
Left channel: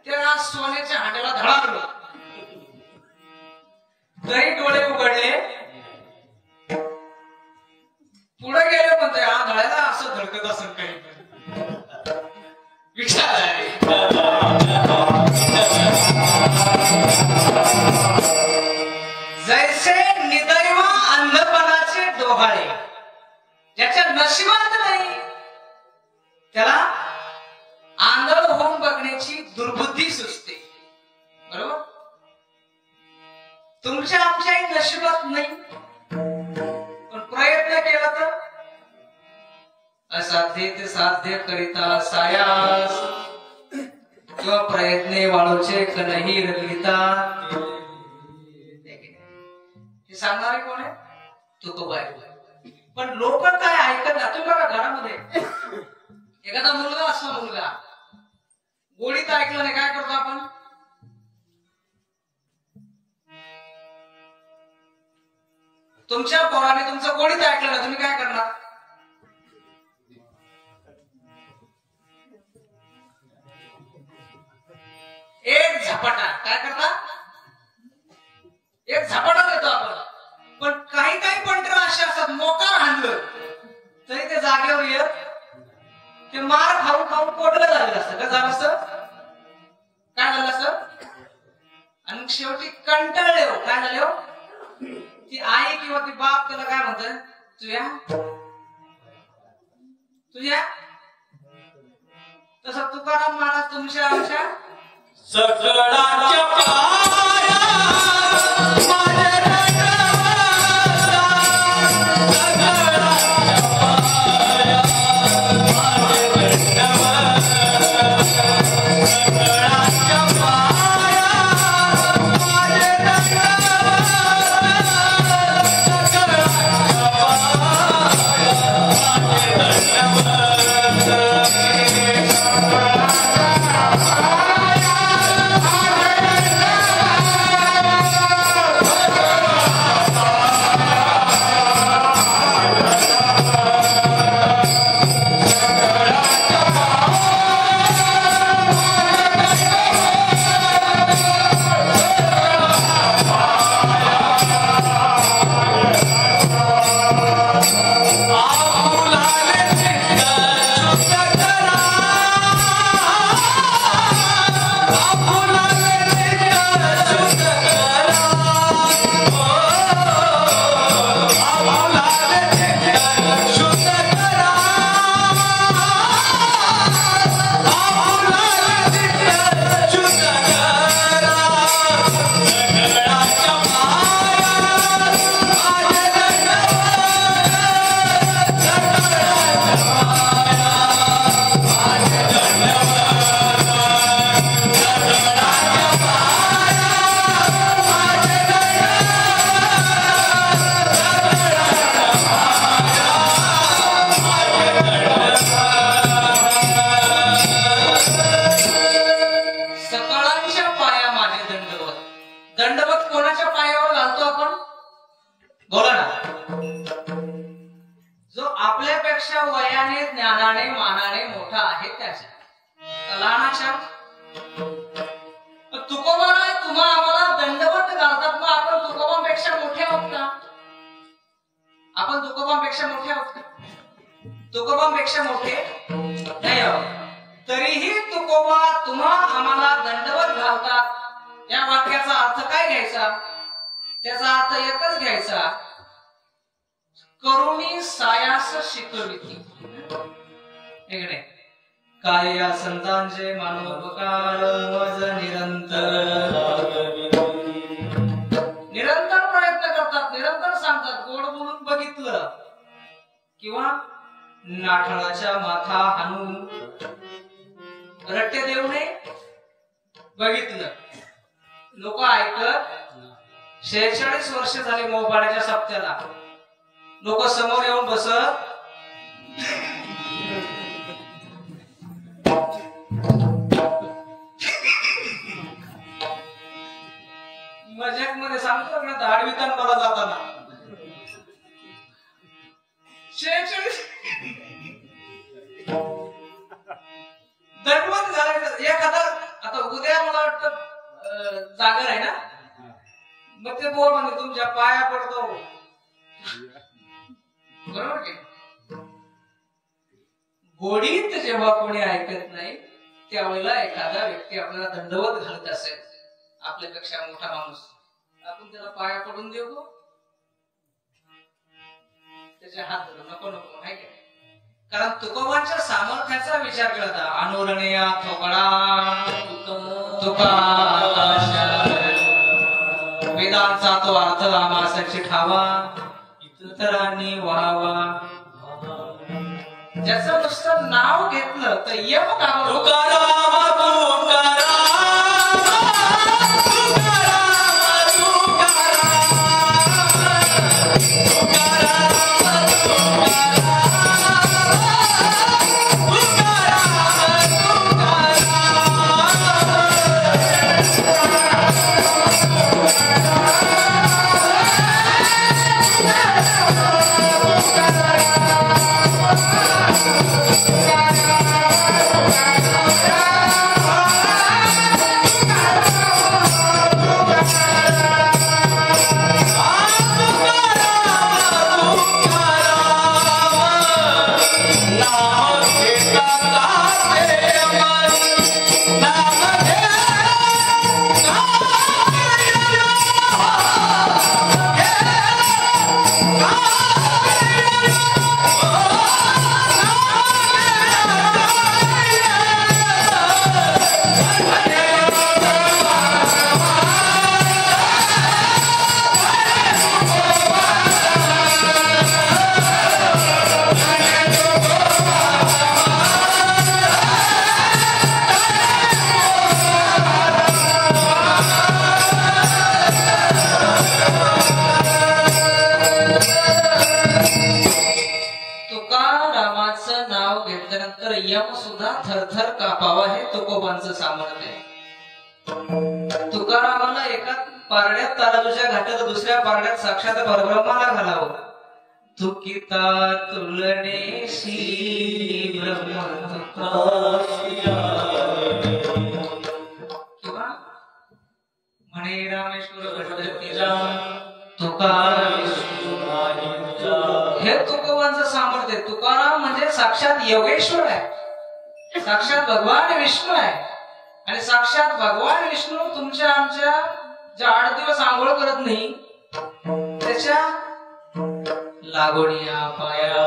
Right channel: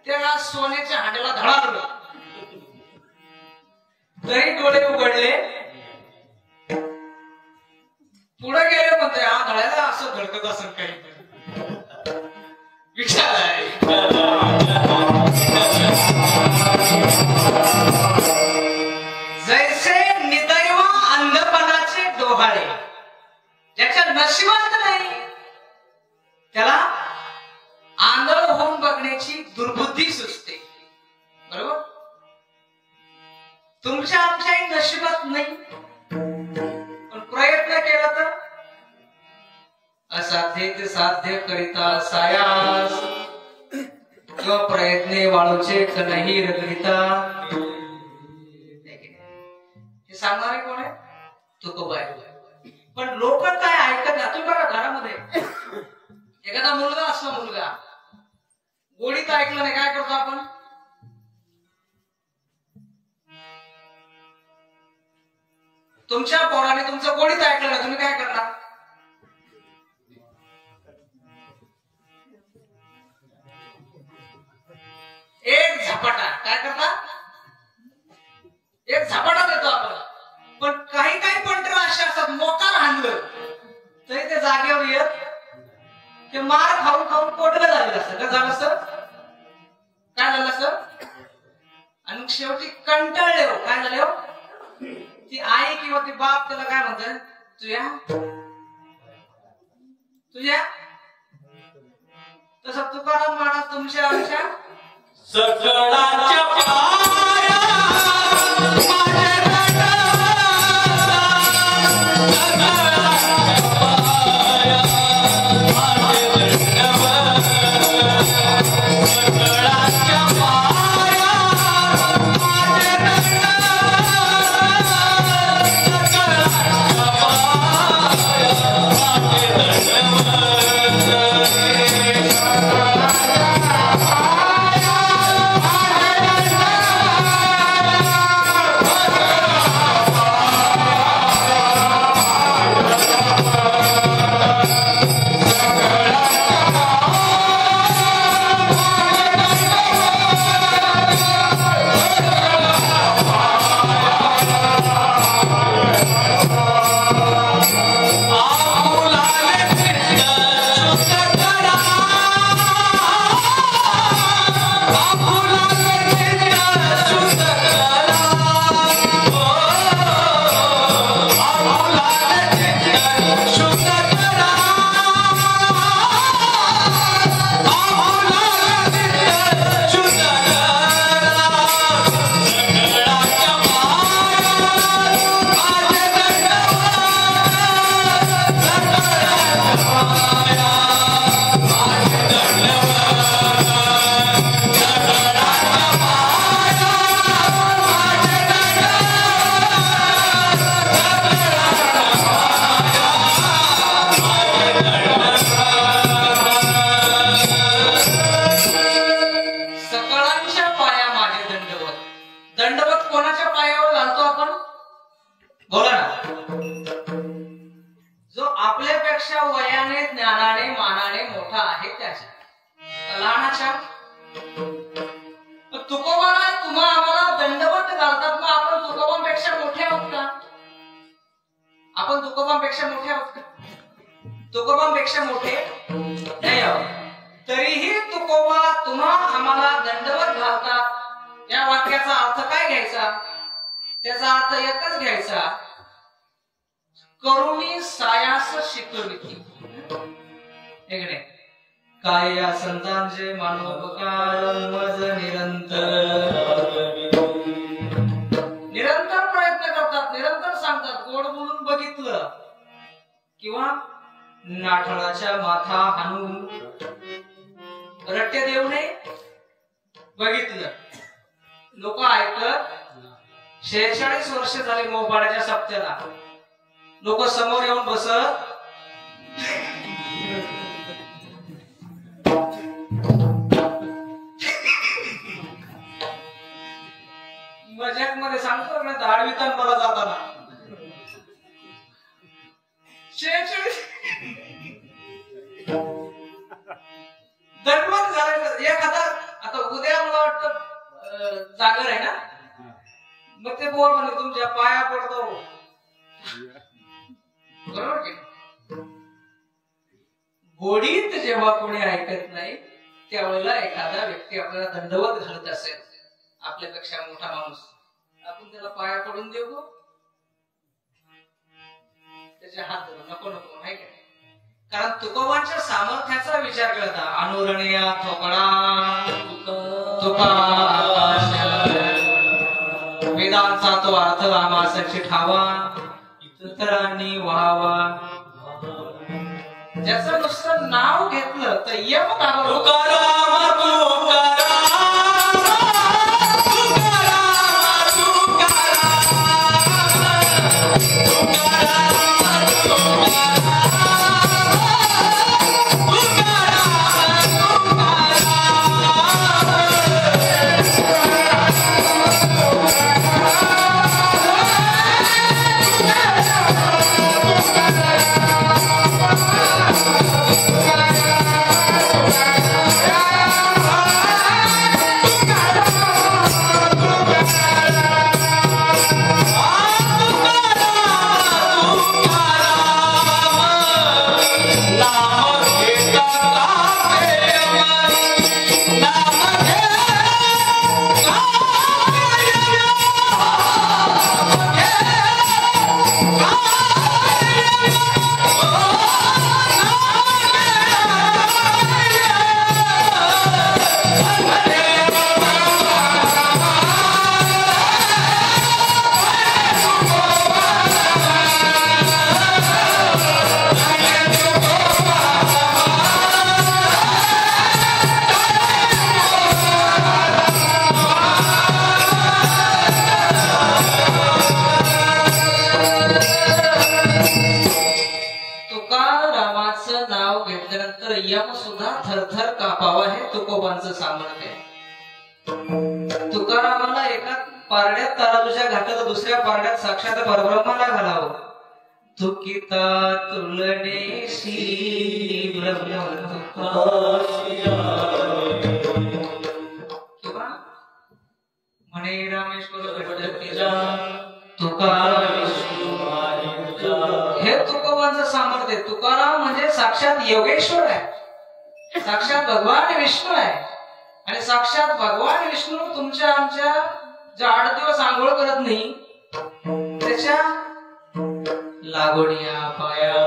त्या सोन्याच्या हांड्याला धडाकलं. तरी डोळे उघडले, पुढे गेले. म्हणते आंधळ्याला असं धडकत असं काही विचार आहे. जैसे निदैव अंधपणाचे डोहाळे, ज्याच्या नशिबात नाही त्याला आंधळ होऊन बघण्याची दुर्बुद्धी सुचते. बरोबर? तुमच्या आमच्याही नशिबात नाही, पण प्रयत्न केला तर असाध्य ते साध्य करिता सायास किंवा प्रयत्ने वाळूचे कणही रगलिता. हे सांगणारे कोण आहे? तुकोबाई. पण लोक काय ऐकत नाही. तुम्ही बघा घरामध्ये एखादा मुलगा असला, मुलगा गोडीत ऐकलं नाही काय करतो आपण? तुमच्या पोराने तुमचं गोडीत ऐकलं ना, तुम्ही काय करणार? झपाटा. काय करता? एक झपाटा देतो आपण. पण काही पंटर असे असतात, मोकार हाणलं तरी ते जागेवर येत की मार खाऊन खाऊन पोटलं झालेलं असतं. काय झालं असतं? काय झालं असतं? आणि शेवटी कंटाळले हो. काय झाले हो? ती आई किंवा ती बाप त्याला काय म्हणतात? तुझ्या तसं तुकाराम महाराज तुमच्या आमच्या सकळाच्या वयाने ज्ञानाने मानाने मोठा आहे त्याच्या लहानाच्या तुकोबाला तुम्हा आम्हाला दंडवत घालतात मग आपण तुकोबांपेक्षा मोठे आहोत का? आपण तुकोबांपेक्षा मोठे आहोत का? तुकोबांपेक्षा मोठे नाही आहोत. तरीही तुकोबा तुम्हा आम्हाला दंडवत घालतात. या वाक्याचा अर्थ काय घ्यायचा? त्याचा अर्थ एकच घ्यायचा, करुणी सायास शिकविती. इकडे काय या संतांचे मानवोपकार मज निरंतर प्रयत्न करतात, निरंतर सांगतात. गोड बोलून बघितलं किंवा नाठाळाच्या माथा हाणून रट्टे देऊने बघितलं. लोक ऐकत 46 वर्ष झाले मोबाळ्याच्या सप्त्याला. लोक समोर येऊन बसत मजाक मध्ये सांगतो ना, धाडवितान मला जाताना 46 दंडवत झाले. एखादा आता उद्या मला वाटतं जागर आहे ना, मग ते बोल म्हणजे तुमच्या पाया पडतो. बरोबर की? गोडीत जेव्हा कोणी ऐकत नाही त्यावेळेला एखादा व्यक्ती आपल्याला दंडवत घालत असेल, आपल्यापेक्षा मोठा माणूस, आपण त्याला पाया पडून देऊ, त्याचे हात धरून नको नको आहे का? कारण तुकोबांच्या सामर्थ्याचा विचार केला. अनुरणया थोकडा तुका वेदांचा तो अर्थ आमासाठी ठावा इतरांनी व्हावा. ज्याचं नुसतं नाव घेतलं तर यम यम सुद्धा थरथर कापावा हे तुकोबांचं सामर्थ्य आहे. तुकारामाला एका पारड्यात ताराजूच्या घाटात दुसऱ्या पारड्यात साक्षात परब्रह्माला घालावं. तुकिता तुलनेशी ब्रह्म तुका म्हणे रामेश्वर गणपतीला तुका हे तुकोबांचं सामर्थ्य. तुकाराम म्हणजे साक्षात योगेश्वर आहे, साक्षात भगवान विष्णू आहे. आणि साक्षात भगवान विष्णू तुमच्या आमच्या ज्या 8 दिवस आंघोळ करत नाही त्याच्या लागोडिया पाया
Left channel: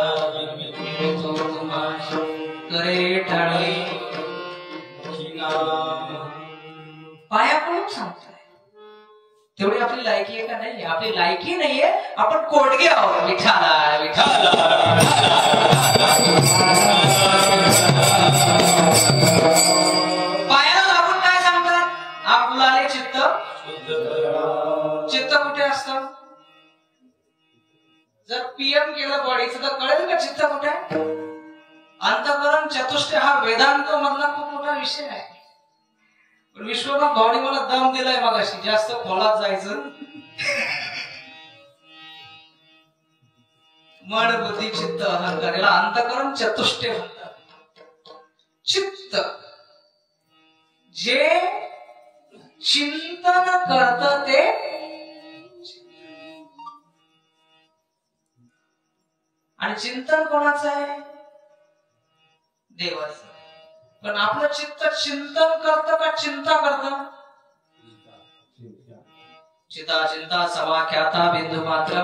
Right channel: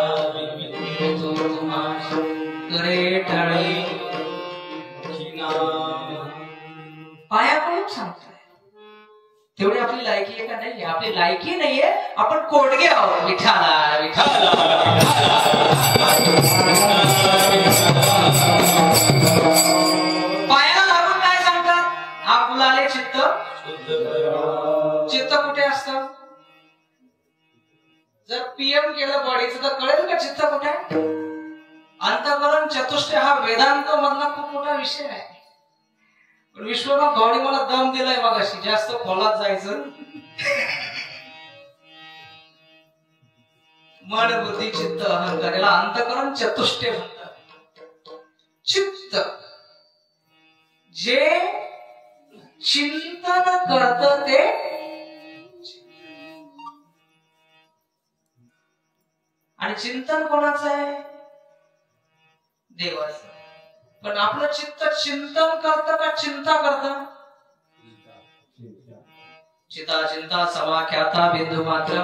करे ठाळे पाया कोण सांगताय. तेवढी आपली लायकी आहे का नाही? आपली लायकी नाहीये, आपण कोडगे आहोत. विठाला विठाला पायाला लागून काय सांगतात? आपल्याला चित्त चित्त कुठे असतं? जर पीएम केलं बॉडीचं तर कळेल का चित्त कुठे आहे? अंतःकरण चतुष्ट हा वेदांत मधला खूप मोठा विषय आहे. विश्वनाथ भावनी मला दम दिलाय मगाशी, जास्त खोलात जायचं. मन बुद्धी चित्त अहंकार याला अंतःकरण चतुष्टे म्हणतात. चित्त जे चिंतन करत ते आणि चिंतन कोणाचं आहे? देवाचं. पण आपलं चित्त चिंतन करतं का चिंता करतं? चिता चिंता समाख्याता बिंदू मात्र.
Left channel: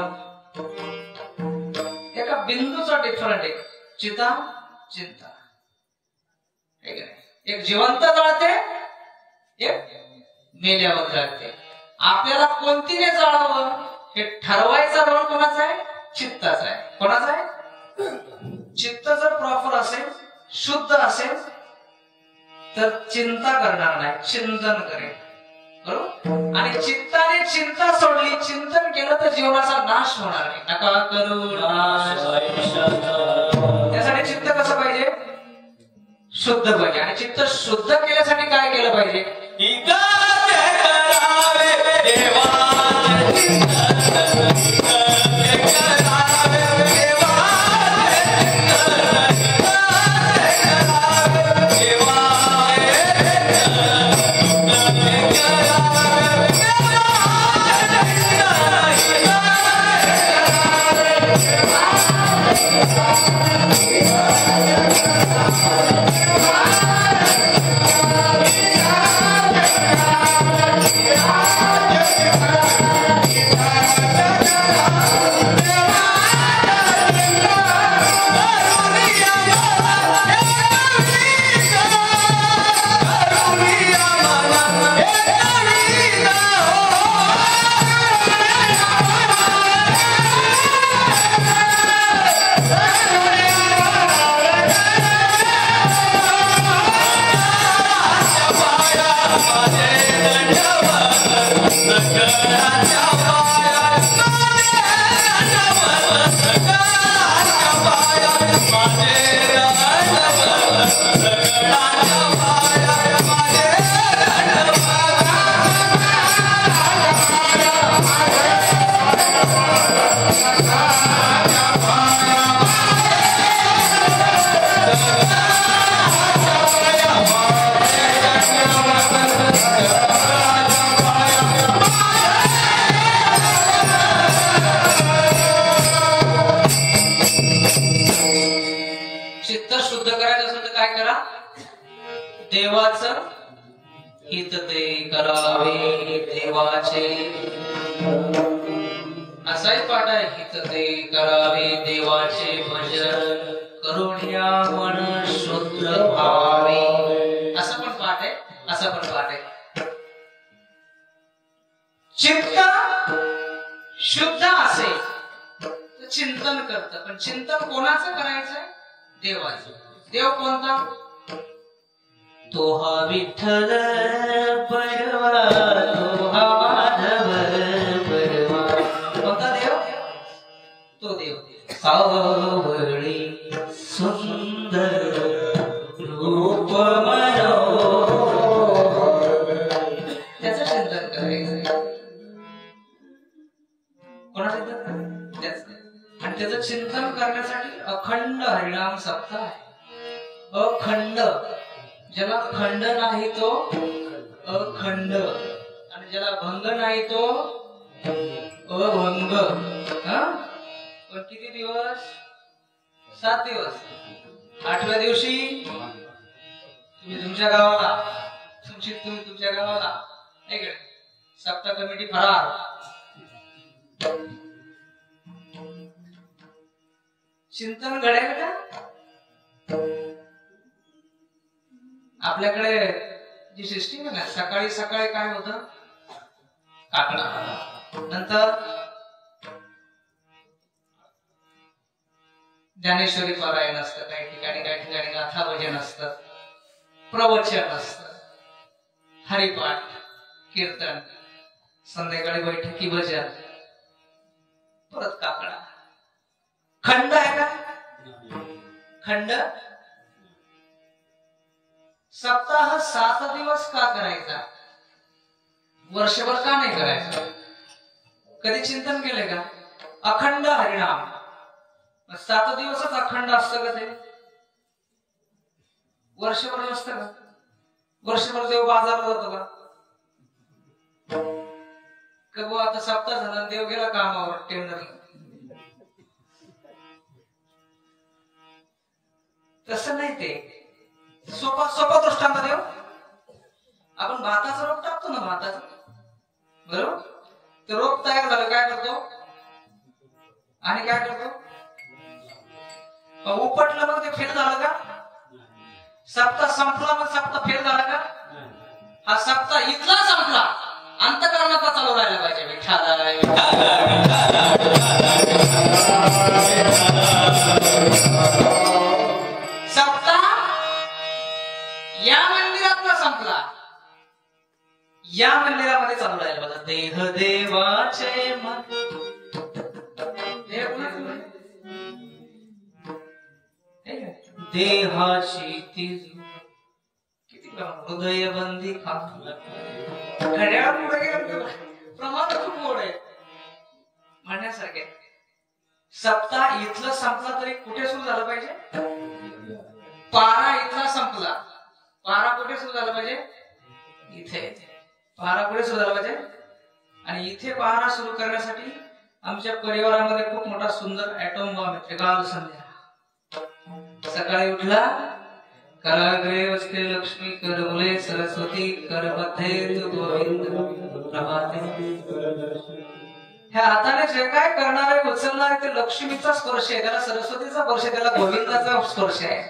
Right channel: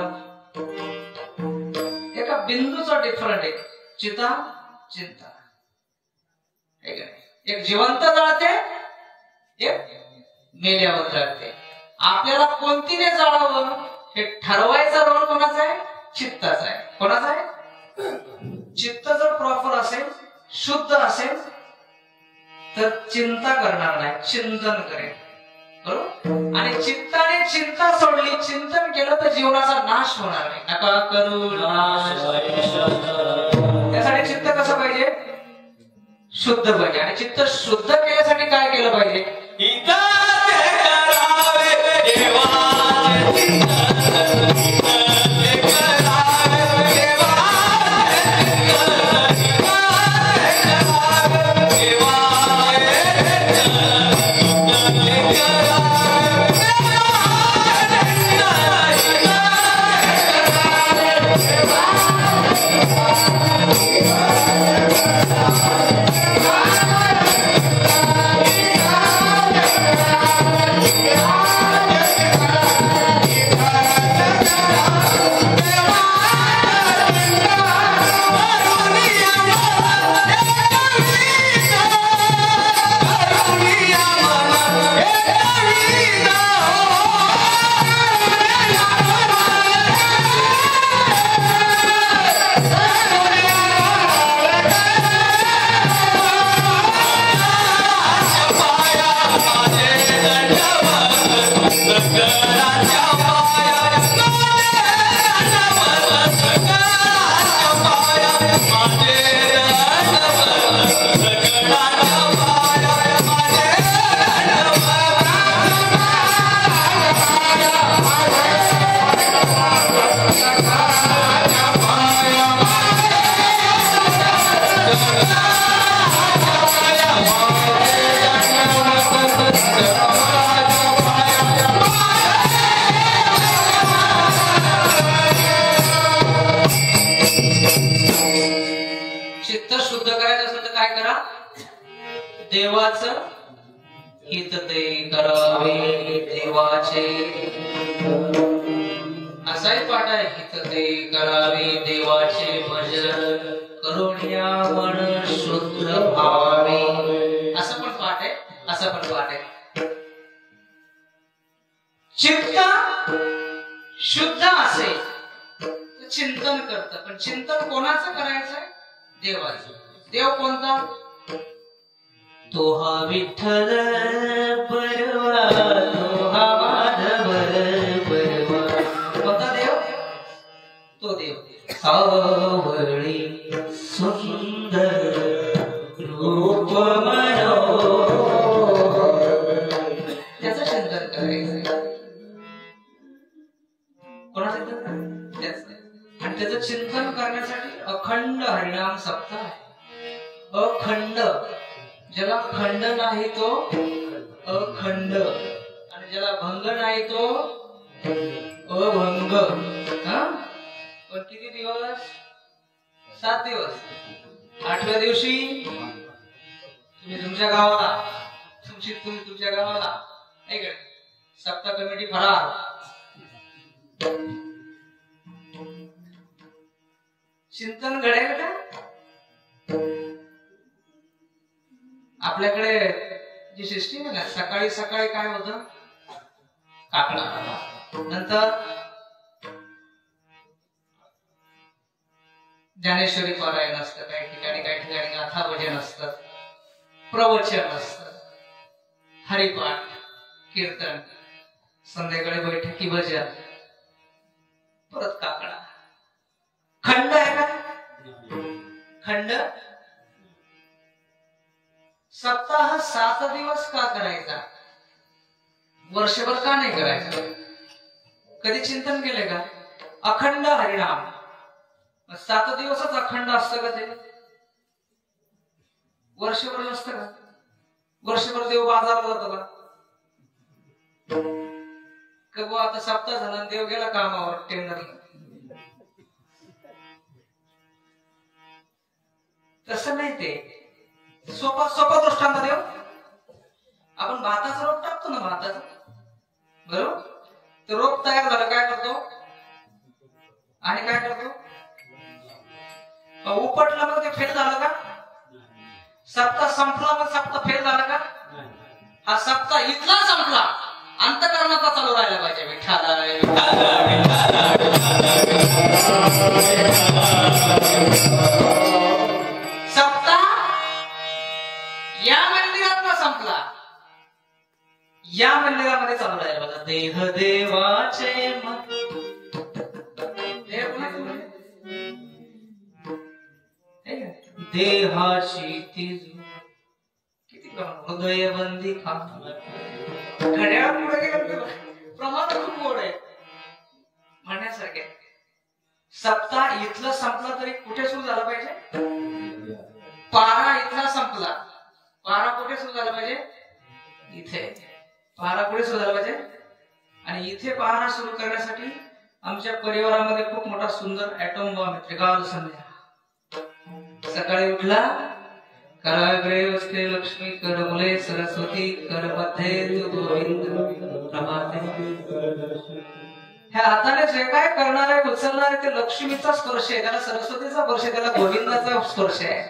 एका बिंदूचा डिफरंट आहे. चिता चिंता एक जिवंत जळते, एक मेल्यावर जळते. आपल्याला कोणतीने जळावं हे ठरवायचा रोल कोणाचा आहे? चित्ताचा आहे. कोणाचा आहे? चित्त जर प्रॉपर असेल, शुद्ध असेल तर चिंता करणार नाही, चिंतन करेल. बरोबर. आणि चित्ताने चिंता सोडली, चिंतन केलं तर जीवनाचा नाश होणार नाही. नका करू नाश. त्यासाठी चित्त कसं पाहिजे? शुद्ध पाहिजे. आणि चित्त शुद्ध केल्यासाठी काय केलं पाहिजे? हित ते करावे देवाचे. असाही पाठ आहे. हित ते करावे देवाचे भजन करुणिया मन शुद्ध भावे. असं पण पाठ आहे. असं पण पाठ आहे. चित्त शुद्ध असेल तर चिंतन करत. पण चिंतन कोणाचं करायचंय? देवाचं. देव कोणता? तो हा विठ्ठल परवा, तो हा माधव परवा. कोणता देव? तो देव सावळी सुंदर रूप मनोहर. त्याचं चिंतन करायचं. कोणाचं चिंतन करायचं? आणि त्याचं चिंतन करण्यासाठी अखंड हरिनाम सप्ताह आहे. अखंड. ज्याला खंड नाही तो अखंड, आणि ज्याला भंग नाही तो अभंग. पण किती दिवस? 7 दिवस. 8व्या दिवशी तुम्ही तुमच्या गावाला, तुम्ही तुमच्या गावाला. सप्ताह कमिटी फरार. चिंतन घडेल का? आपल्याकडे जी सिस्टीम आहे ना, सकाळी सकाळी काय होतं? काकडा. नंतर ज्ञानेश्वरी पारायण असतं. काही ठिकाणी गाथा भजन असतं, प्रवचन असतं, हरिपाठ, कीर्तन, संध्याकाळी बैठकी भजन, परत काकडा. खंड आहे का? खंड. सप्ताह 7 दिवस का करायचा? वर्षभर का नाही करायचा? कधी चिंतन केले का? अखंड हरिनाम 7 दिवसच अखंड असतं का ते? वर्षभर नसतं का? वर्षभर देव बाजारला जातो का? आता सप्ताह झाला, देव गेला कामावर, टेंडरला. तसं नाही. ते सोपा दृष्टांत देव. आपण भाताचं रोप टाकतो ना, भाताचं, बरोबर? ते रोप तयार झालं, काय करतो? आणि काय करतो? उपटलं, मग ते फेल झालं का? सप्ताह संपला, मग सप्ताह फेल झाला का? हा सप्ताह इथला संपला, अंतःकरणाचा चालू राहिला पाहिजे. सप्ताह या मंदिरातला संपला, या मंदिरामध्ये चालू राहिला पाहिजे. देह देवाचे मन. देहाशी तिजू किती हृदय बंदी घड्याळ पुढे प्रमाण खूप गोड आहे म्हणण्यासारखे. सप्ताह इथलं संपला तरी कुठे सुरू झालं पाहिजे? पारा इथला संपला, पारा कुठे सुरू झाला पाहिजे? इथे. पारा कुठे सुरू झाला पाहिजे? आणि इथे पारा सुरू करण्यासाठी आमच्या परिवारामध्ये खूप मोठा सुंदर ऍटम बॉम्ब आहे. काल संध्या सकाळी उठला, कराग्रे वस्ते लक्ष्मी, कर मुले सरस्वती, कर मध्ये गोविंद प्रभाते. ह्या हाताने जे काय करणार आहे, उचलणार आहे, ते लक्ष्मीचा स्पर्श आहे, त्याला सरस्वतीचा स्पर्श आहे, त्याला गोविंदाचा स्पर्श आहे.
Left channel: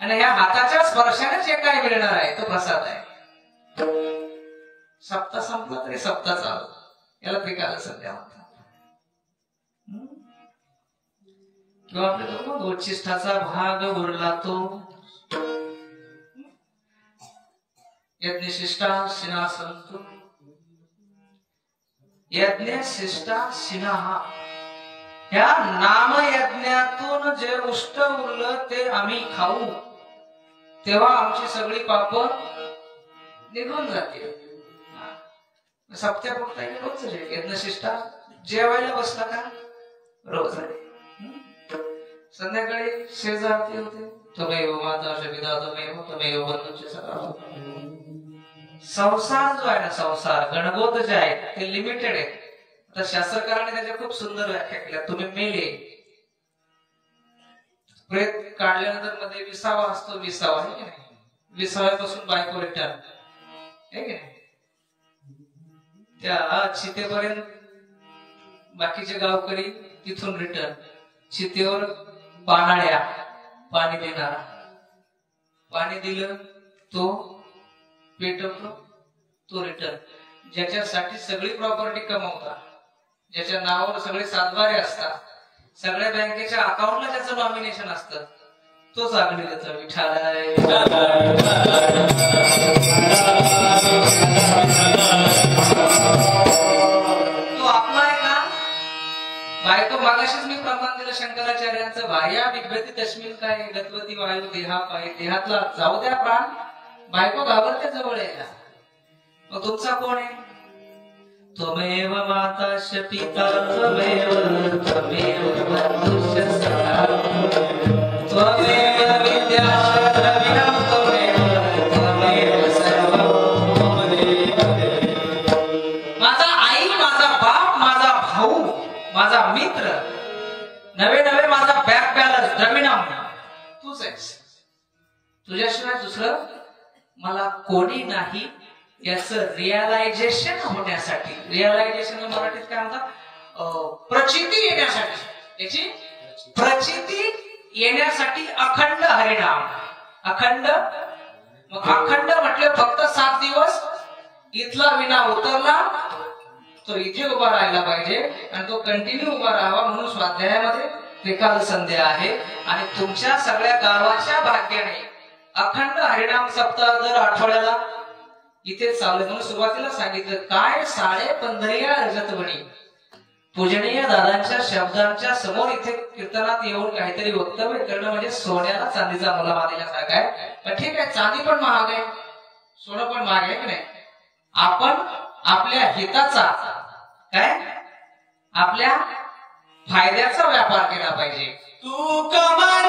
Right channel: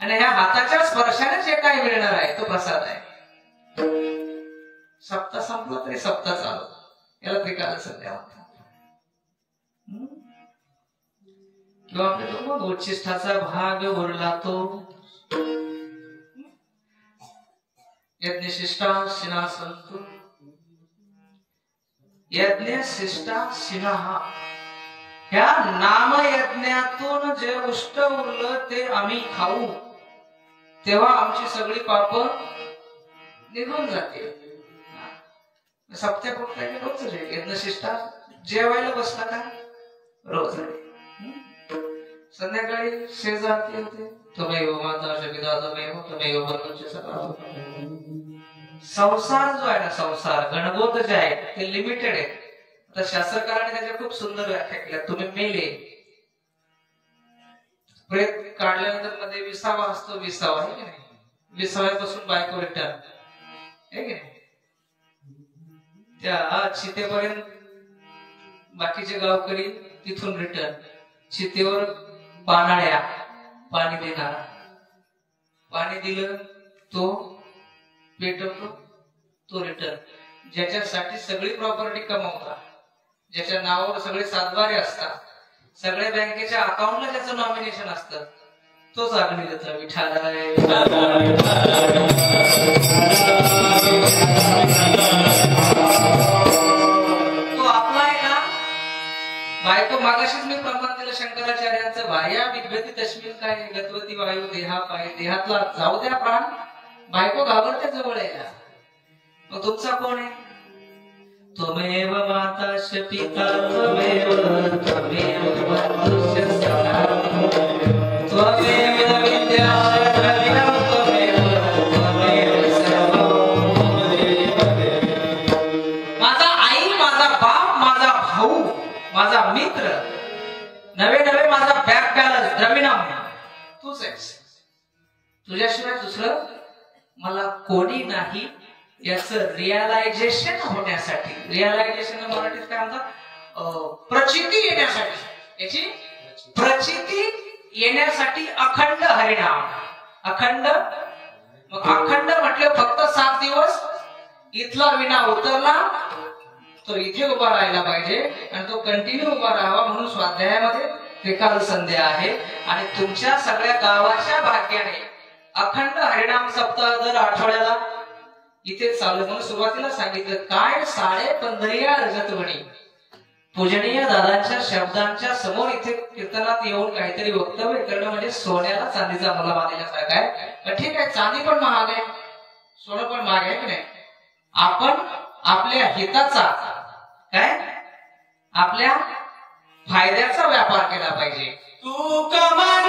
आणि ह्या हाताच्या स्पर्शाने जे काय मिळणार आहे तो प्रसाद आहे. सप्ताह संपला तरी सप्ताह चालू, याला त्रिकाल संध्या म्हणतात. किंवा आपल्याला उच्छिष्टाचा भाग उरला तो यज्ञशिष्टा शिना संतु. यज्ञशिष्टा शिना, ह्या नामयज्ञातून जे उष्ट उरलं ते आम्ही खाऊ, तेव्हा आमची सगळी पाप निघून जाते. सप्त्या पुरता रोज यज्ञशिष्टा जेवायला बसला का रोज आहे. संध्याकाळी शेजारते होते, तुम्ही माता पिता तुम्ही बंधूचे सकाळ. संसार जो आहे ना, संसार गणगोत जे आहे ते लिमिटेड आहे. तर शास्त्रकारांनी त्याच्या खूप सुंदर व्याख्या केल्या. तुम्ही मेले, प्रेत काढल्यानंतर मध्ये विसावा असतो, विसावा आहे, विसाव्यापासून बायको रिटर्न. हे की नाही? त्या चितेपर्यंत बाकीचे गावकरी तिथून रिटर्न, चितेवर पानाळ्या, पाणी देणारा, पाणी दिलं तो पेटवतो, तो रिटर्न. ज्याच्यासाठी सगळी प्रॉपर्टी कमवता, ज्याच्या नावावर सगळे सातबारे असतात, सगळ्या बँकेच्या अकाउंटला त्याचं नॉमिनेशन असतं, तोच आगळीचा विठाल आहे. तो आपला आहे का? बायको मागाशीच मी प्रमाण दिलं शंकराचार्यांचं, भार्या विद्वती तस्मिन काय गतवती वायू देहा पायी, देहातला जाऊ द्या प्राण, बायको घाबरते जवळ यायला. मग तुमचा कोण आहे? त्वमेव माताश्च पिता त्वमेव बन्धुश्च सखा त्वमेव विद्या त्वमेव सर्वं. माझा आई, माझा बाप, माझा भाऊ, माझा मित्र, नवे नवे माझा बँक बॅलन्स, द्रविणम तूच आहेस. तुझ्याशिवाय दुसरं मला कोणी नाही याचं रिअलायझेशन होण्यासाठी, रिअलायझेशन मराठीत काय म्हणतात, प्रचिती येण्यासाठी, याची प्रचिती येण्यासाठी अखंड हरिनाम. अखंड, मग अखंड म्हटलं फक्त 7 दिवस इथला विना उतरला तो इथे उभा राहायला पाहिजे आणि तो कंटिन्यू उभा राहावा. म्हणून स्वाध्यायामध्ये त्रिकाल संध्या आहे आणि तुमच्या सगळ्या गावाच्या भाग्याने अखंड हरिनाम सप्ताह दर आठवड्याला इथे चालू. म्हणून सुरुवातीला सांगितलं काय, साडे पंधरिया रजतवणी पूजनीय दादांच्या शब्दांच्या समोर इथे कीर्तनात येऊन काहीतरी वक्तव्य करणं म्हणजे सोन्याला चांदीचा मुला मानल्यासारखा आहे. ठीक आहे, चांदी पण महाग आहे, सोनं पण महाग आहे की नाही. आपण आपल्या हिताचा, काय आपल्या फायद्याचा व्यापार केला पाहिजे. तू कमाल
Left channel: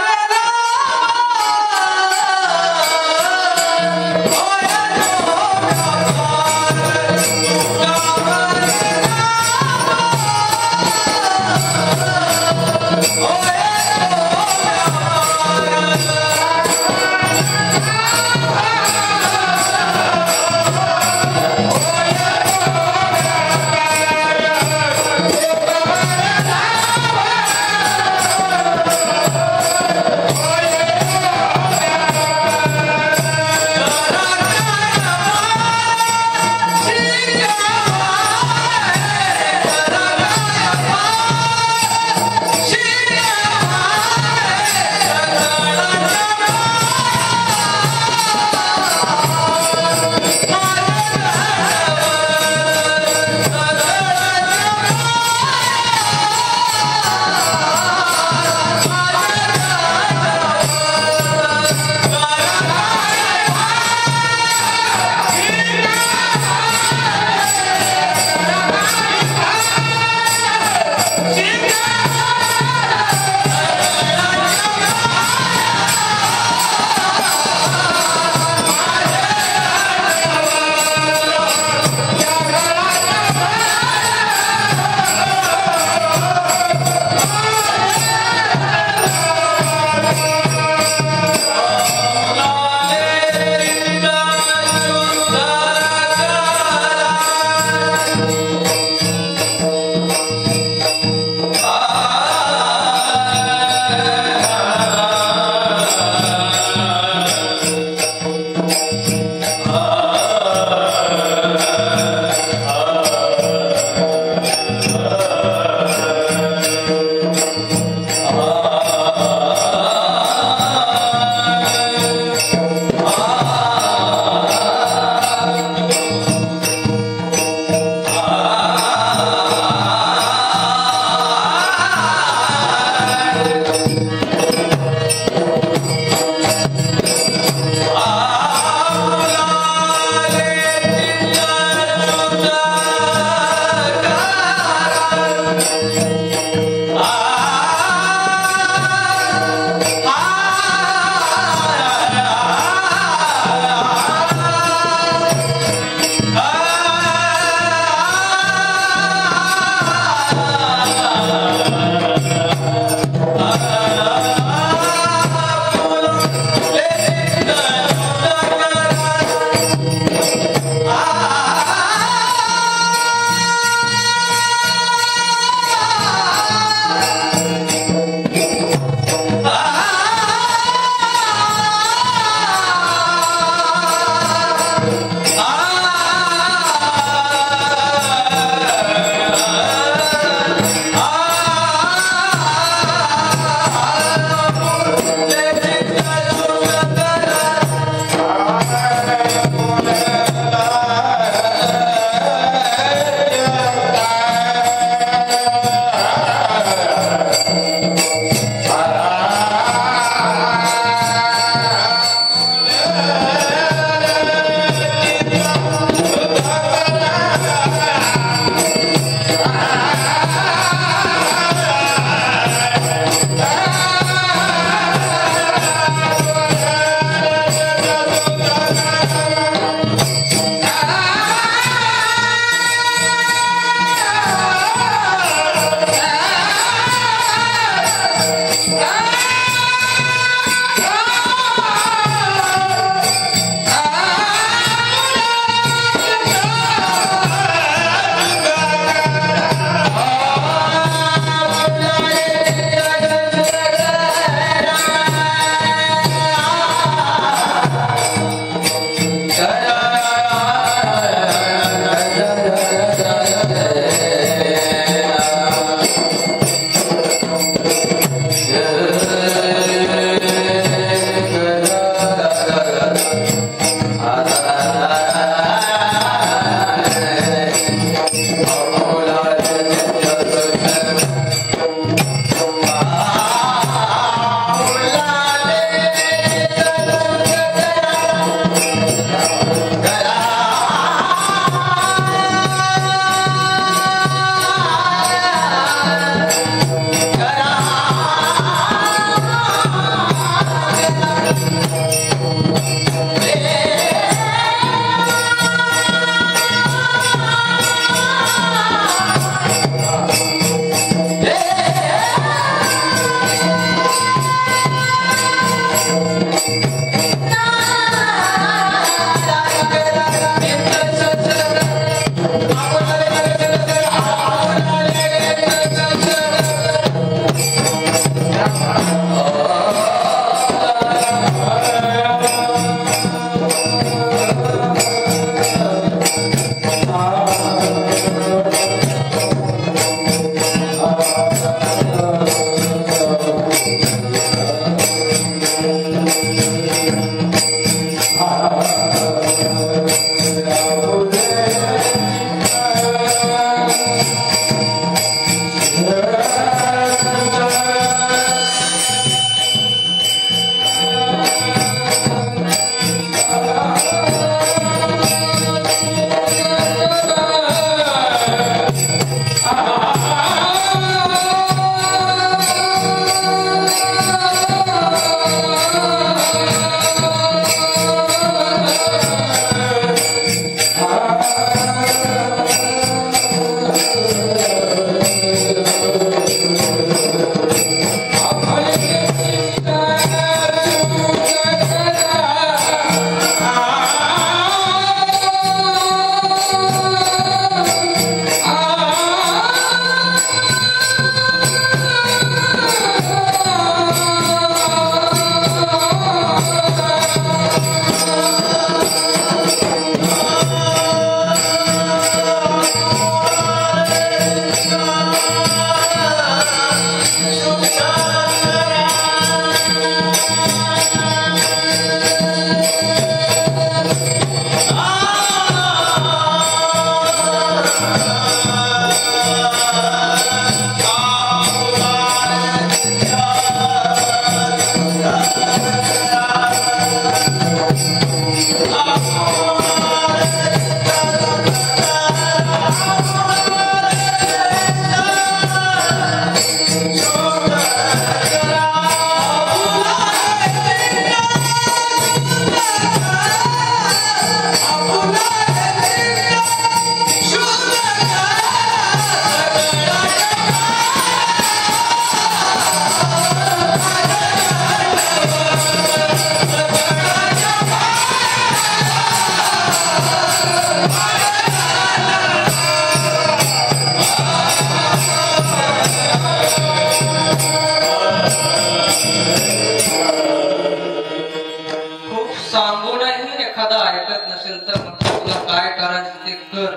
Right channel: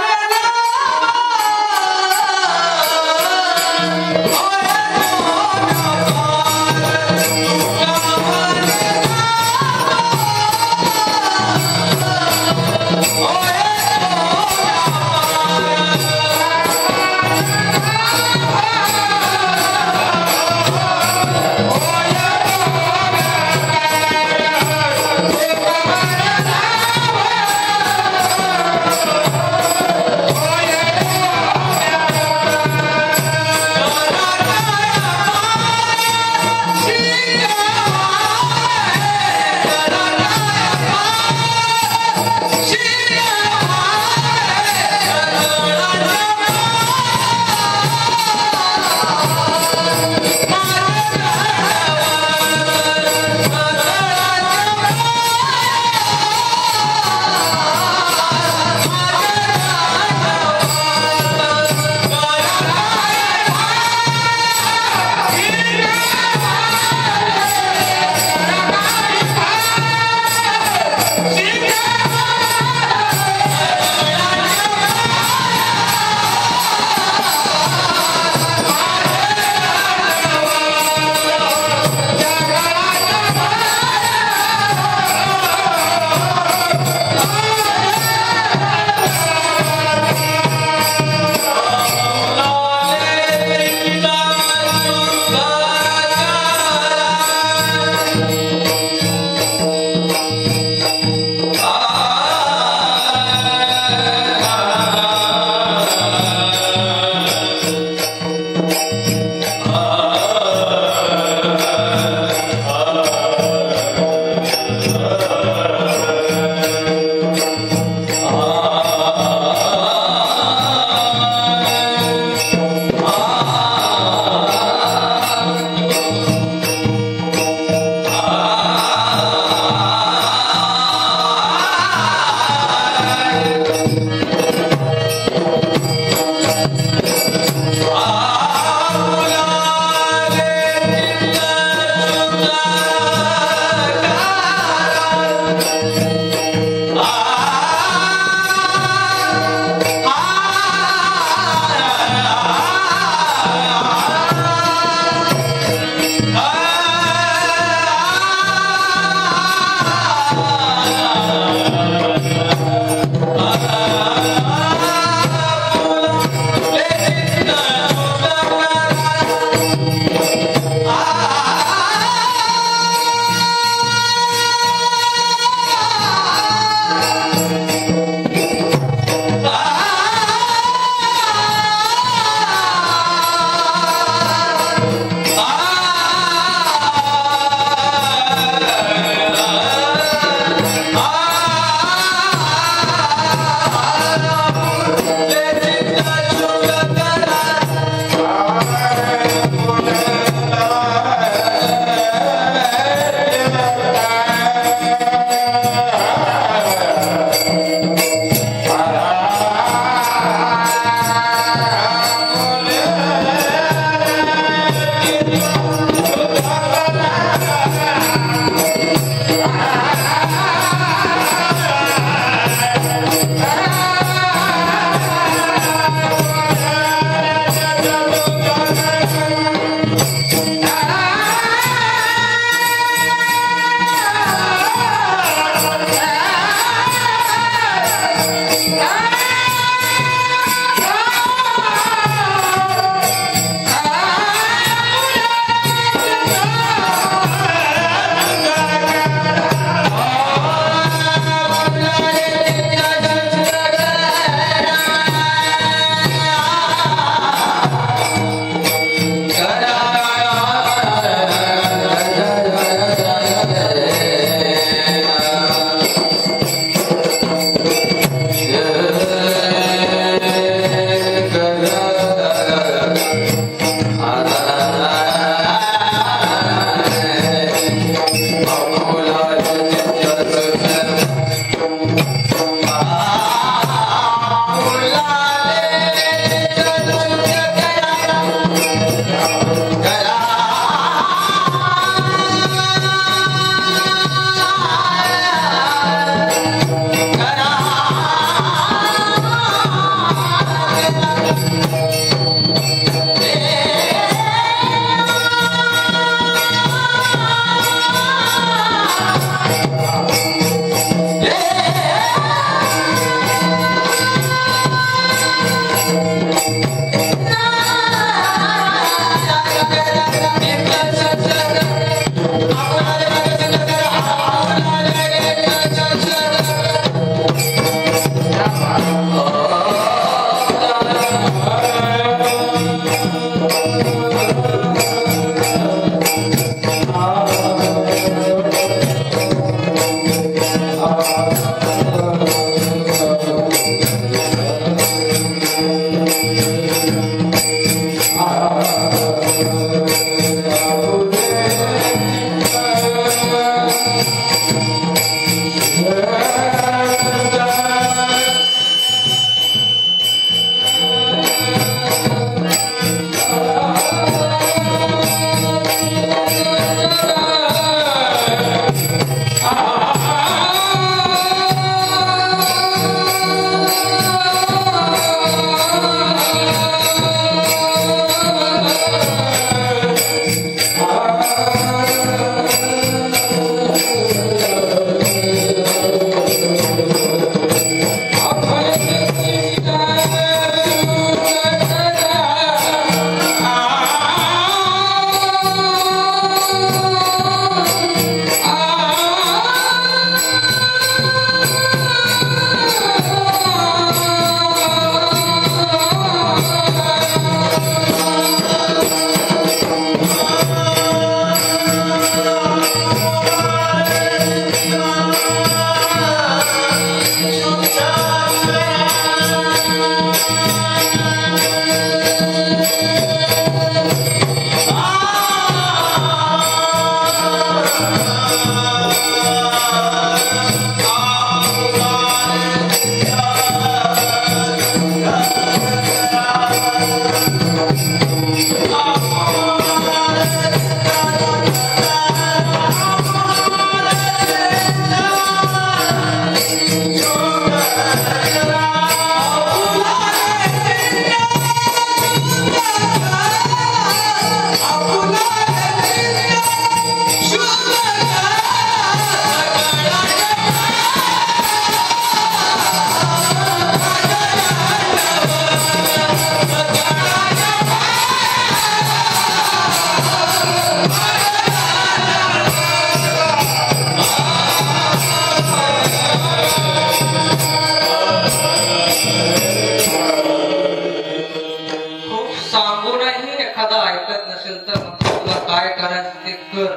व्यापारात ते कर,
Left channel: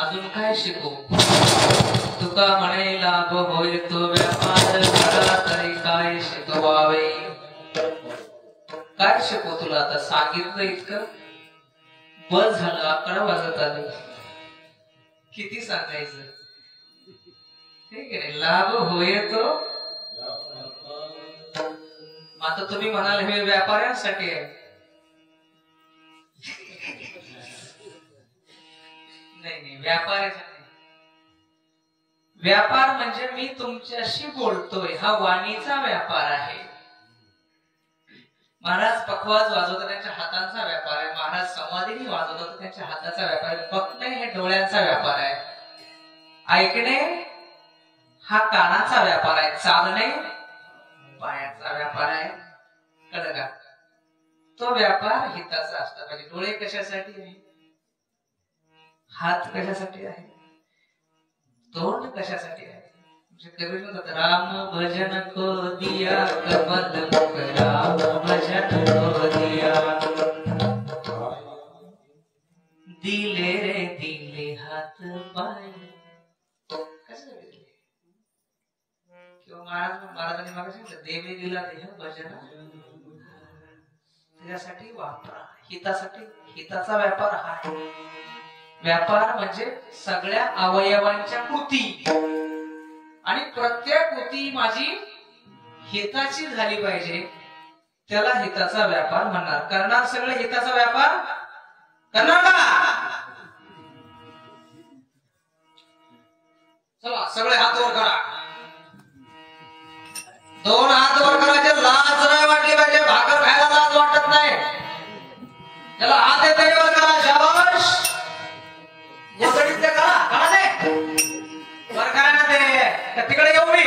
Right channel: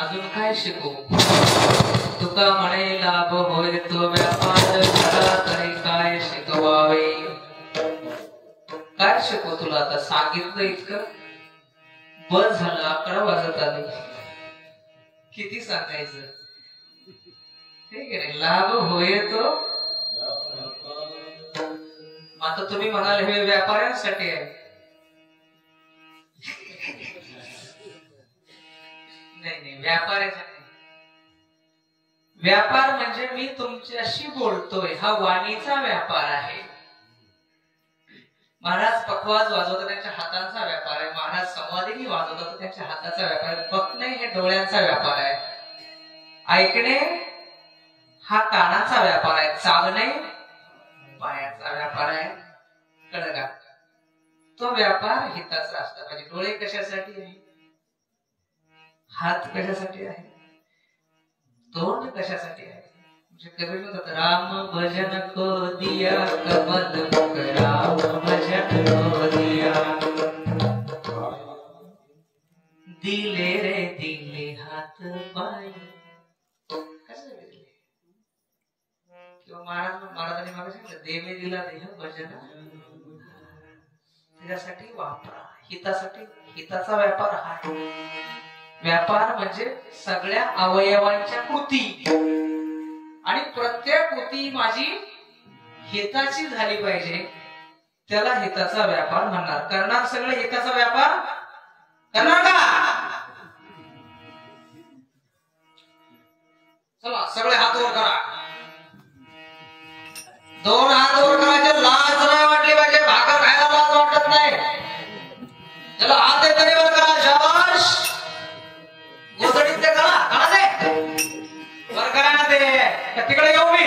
अजून काय शिकू? तुका म्हणे लाभ होईल तो व्यापार, झाला तरी काय शिकवावे? काय शिकू तुला? आता सांगितलं इतकं बस झालं. 11 वाजत आले, किती सांगायचं? ठीक आहे, लाभ होय तो. आता तुम्ही म्हणाल हे व्यापाऱ्यांसाठी आहे. नाही, व्यापाऱ्यासाठी. व्यापार म्हणजे मी तुमच्याशी बोलतोय, हा वाणीचा व्यापार आहे. महाराज पखवाज वाजवतात, त्यांच्या हातांचा व्यापार आहे. महाराज संवादिनी वाजवतात, त्यांच्या हाताचा व्यापार आहे. बघणे हे डोळ्यांचा व्यापार आहे. ऐकणे हा कानाचा व्यापार आहे. चालणे पायाचा व्यापार आहे. कळलं का? तो व्यापार हिताचा असता पाहिजे. डोळे कशासाठी आहे? हात कशासाठी आहे? तोंड कशासाठी आहे? कवी म्हणतात, राम भजन को दिया कमल मुख, राम भजन को दिया, दिले रे दिले हात पाय. किंवा महाराजांनी मागे सांगितलं, देवे दिला देह भजन, त्याच्यासाठी वापरा, हितासाठी. हिताचा व्यापार हा. व्यापार म्हणजे सगळ्या अवयवांच्या कृती, आणि प्रत्येक कृती माझी हिताची झाली पाहिजे, त्याला हिताचा व्यापार म्हणणार. करणार सगळे हिताचा व्यापार करणार का? चला सगळे हात वर करा. 2 हात वर करायचे. लाज नाही वाटली पाहिजे. भाकर खायला लाज वाटत नाही. त्याला हात आहे तरी वर करा. शाबाश. गोधडीत ते करा. करा ते वर करा ना. ते तिकडे येऊ मी.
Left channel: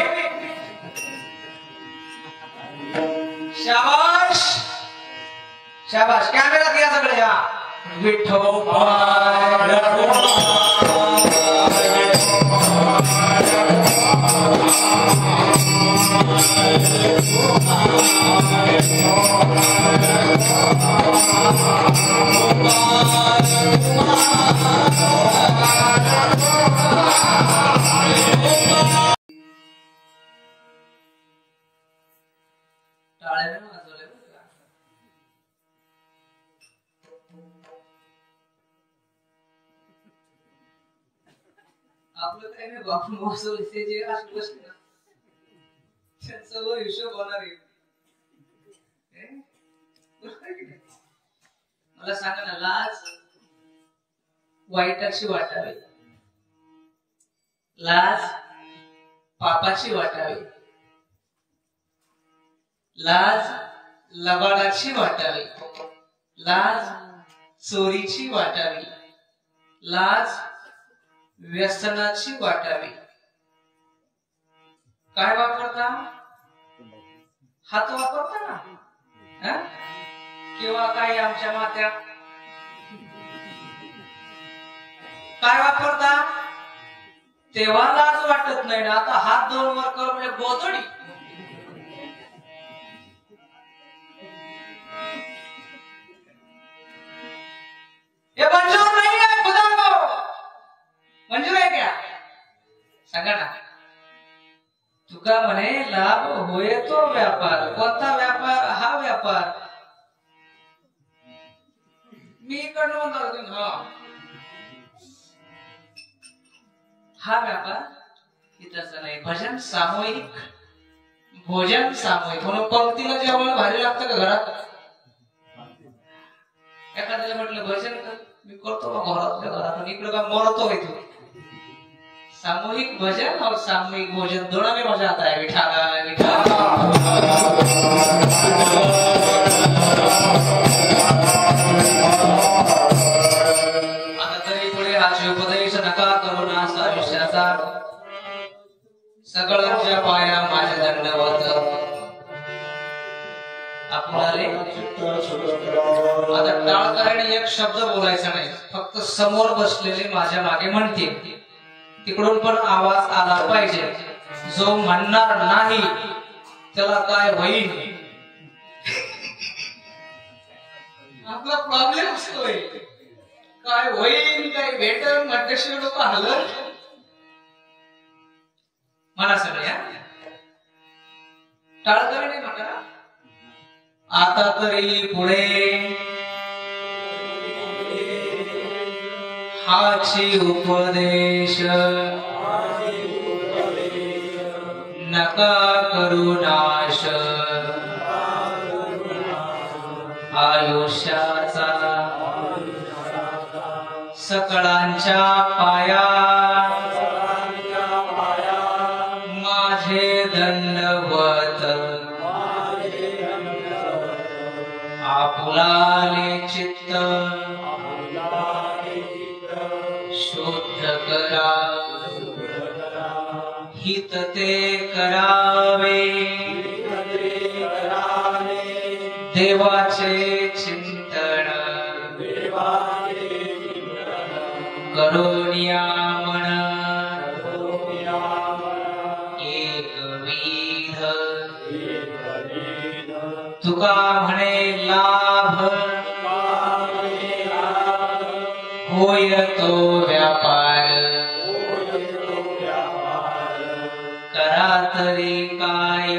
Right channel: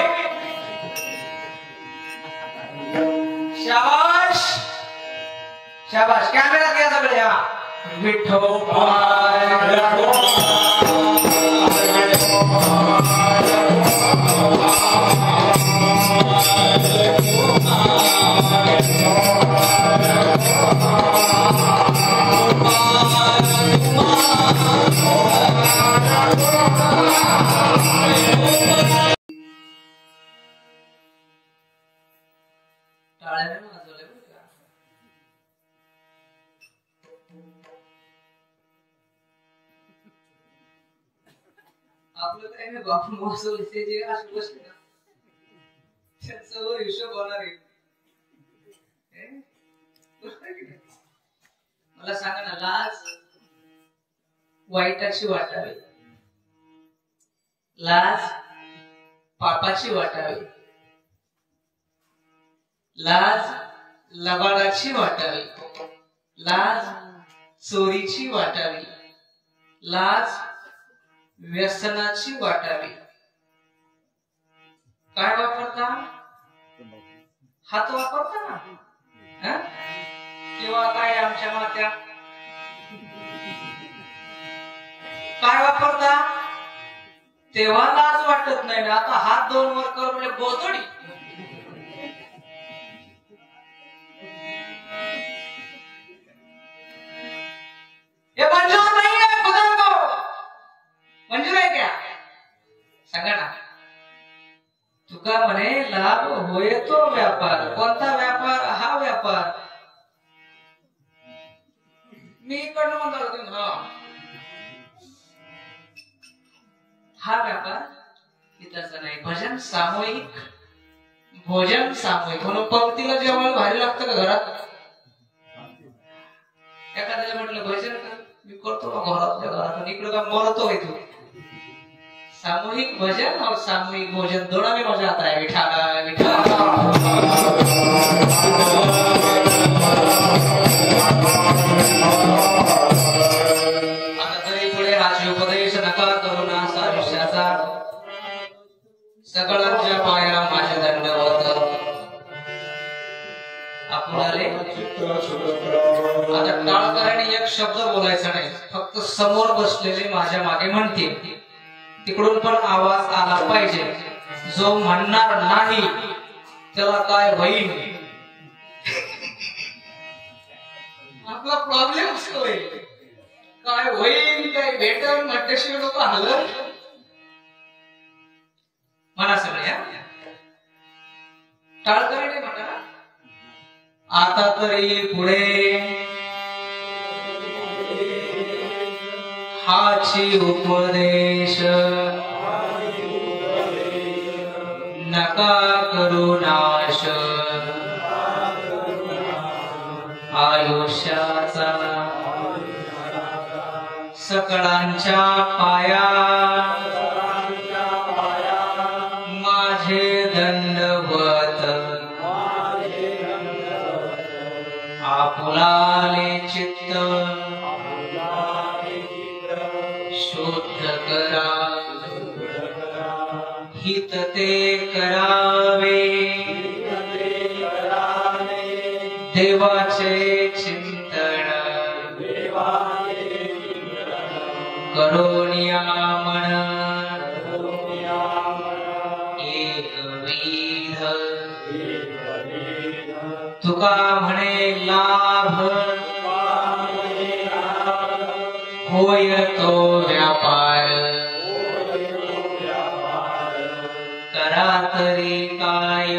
शाबाश शाबाश. कॅमेऱ्यात घ्या सगळे. या विठोबाय आपलं काय नाही. बापू मोसम जे असलं ना त्यांचा हिशोब होणार आहे. मला सांगा ना, लाज वाईटाची वाटावी, लाज पापाची वाटावी, लाज लबाडाची वाटावी, लाज चोरीची वाटावी, लाज व्यसनाची वाटावी. काय वापरता? हात वापरता ना. किंवा काय आमच्या मात्या काय वापरता? तेव्हा लाज वाटत नाही. आता हात 2 वर कर म्हणजे गोधडी. हे मंजूर नाही आहे. खुदा को मंजूर आहे क्या? सांगा ना. तुका म्हणे लाभ होय तो व्यापार. कोणता व्यापार? हा व्यापार. मी इकडनं म्हणतो हा व्यापार हिताचा नाही. भजन सामूहिक, भोजन सामूहिक. म्हणून पंक्तीला जेवण भारी लागतं का घरात? एखाद्याला म्हटलं भजन कर, मी करतो का घरात? इकडं का बोलतो येतो. सामूहिक भजन और सामूहिक भोजन दोनों में मजा आता है. विठाला विठाला. आता तरी पुढे राजोपदेश नका करू ना आयुष्याचा. सगळ्यांच्या पाया माझ्या दंडवत. आपण आले आता टाळकऱ्याने एक शब्द बोलायचा नाही. फक्त समोर बसलेले माझ्या मागे म्हणतील, तिकडून पण आवाज आला पाहिजे. जो म्हणणार नाही त्याला काय होईल? आपला प्रॉब्लेम असतोय. काय होईल काय भेटन म्हटल्याशिवाय लोक हलत म्हणा सगळ्या टाळकरी नाही म्हणा. आता तरी पुढे हाची उपदेश नका करू नाश आयुष्याचा सकळांच्या पाया माझे दंडवत आपुलाले चित्त शुद्ध करा हित ते करावे देवाचे चिंतन करोनिया मन एकविध तुका म्हणे लाभ होय तो व्यापार करा तरी काय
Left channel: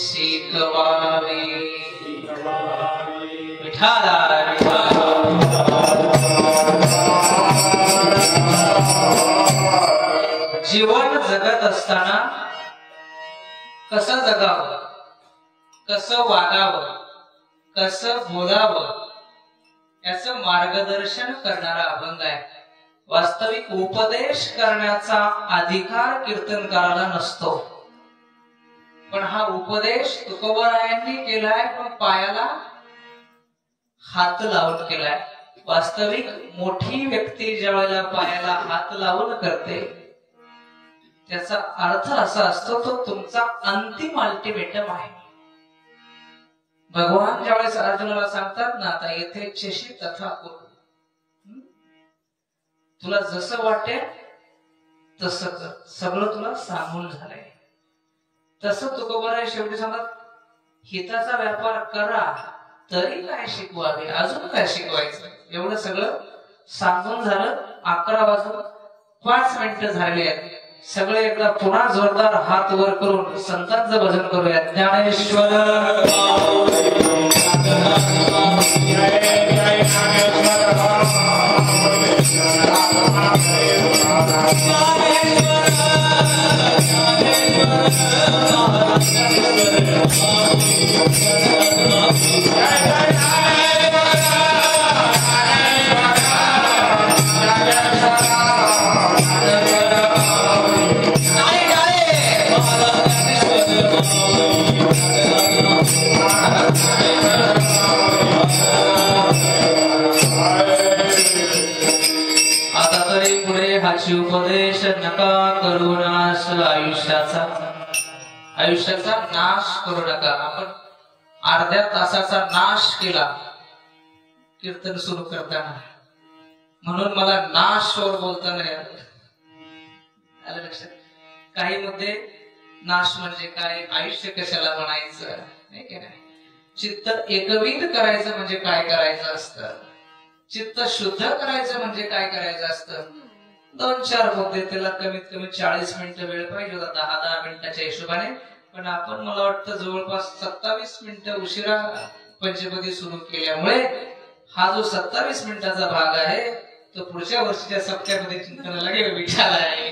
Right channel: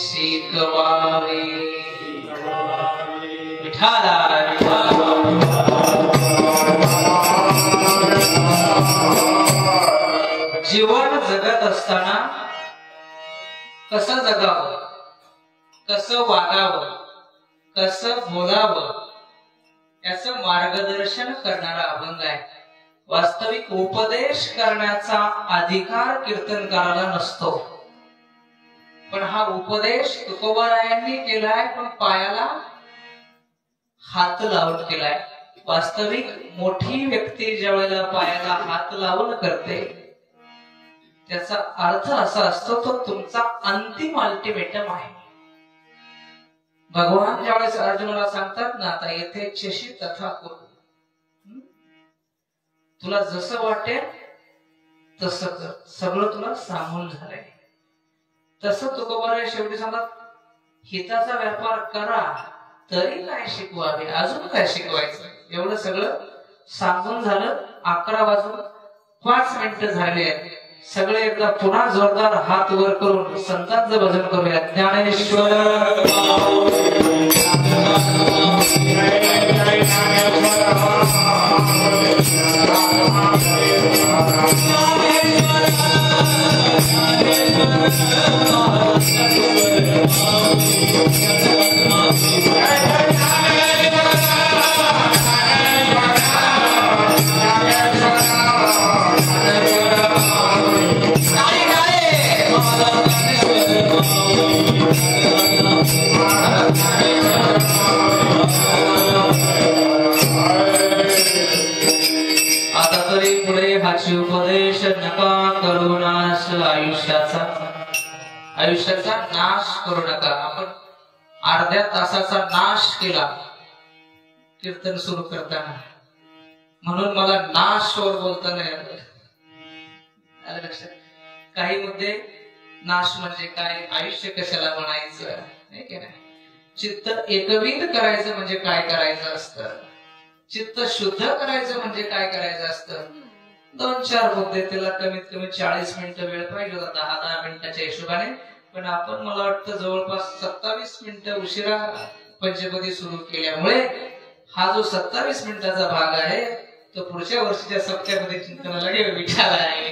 शिकवावे विठाला. जीवन जगत असताना कसं जगावं, कसं वागावं, कसं बोलावं याचं मार्गदर्शन करणारा अभंग आहे. वास्तविक उपदेश करण्याचा अधिकार कीर्तनकाराला नसतो, पण हा उपदेश तुकोबारायांनी केलाय, पण पायाला हात लावून केलाय. वास्तविक मोठी व्यक्ती ज्या वेळेला पायाला हात लावून करते त्याचा अर्थ असा असतो तो तुमचा अंतिम अल्टिमेटम आहे. भगवान ज्यावेळेस अर्जुनाला सांगतात ना, आता येथे चेशी तथा कुरु, तुला जसं वाटेल तसं कर, सगळं तुला सांगून झालंय. तसं तुकोबाराय शेवटी सांगतात हिताचा व्यापार करा तरी काय शिकवावे, अजून काय शिकवायचं, एवढं सगळं सांगून झालं. 11:05 झाले आहेत. सगळे एकदा पुन्हा जोरदार हात वर करून संतांचं भजन करूया. ज्ञानेश्वर आता तरी पुढे हाची उपदेश नका करू नाश आयुष्याचा नाश करू नका. आपण अर्ध्या तासाचा नाश केला कीर्तन सुरू करताना, म्हणून मला नाशवर बोलता नाही आलं लक्षात. काही मुद्दे नाश म्हणजे काय, आयुष्य कशाला म्हणायचं नाही की नाही. चित्त एकविध करायचं म्हणजे काय करायचं असतं, चित्त शुद्ध करायचं म्हणजे काय करायचं असतं. 2-4 मुद्दे, त्याला कमीत कमी 40 मिनिटं वेळ पाहिजे होता 10-10 मिनिटाच्या हिशोबाने, पण आपण मला वाटतं जवळपास 27 मिनिटं उशिरा पंचपदी सुरू केल्यामुळे हा जो 27 मिनिटाचा भाग आहे तो पुढच्या वर्षीच्या सप्त्यामध्ये चिंतनाला विचार आहे.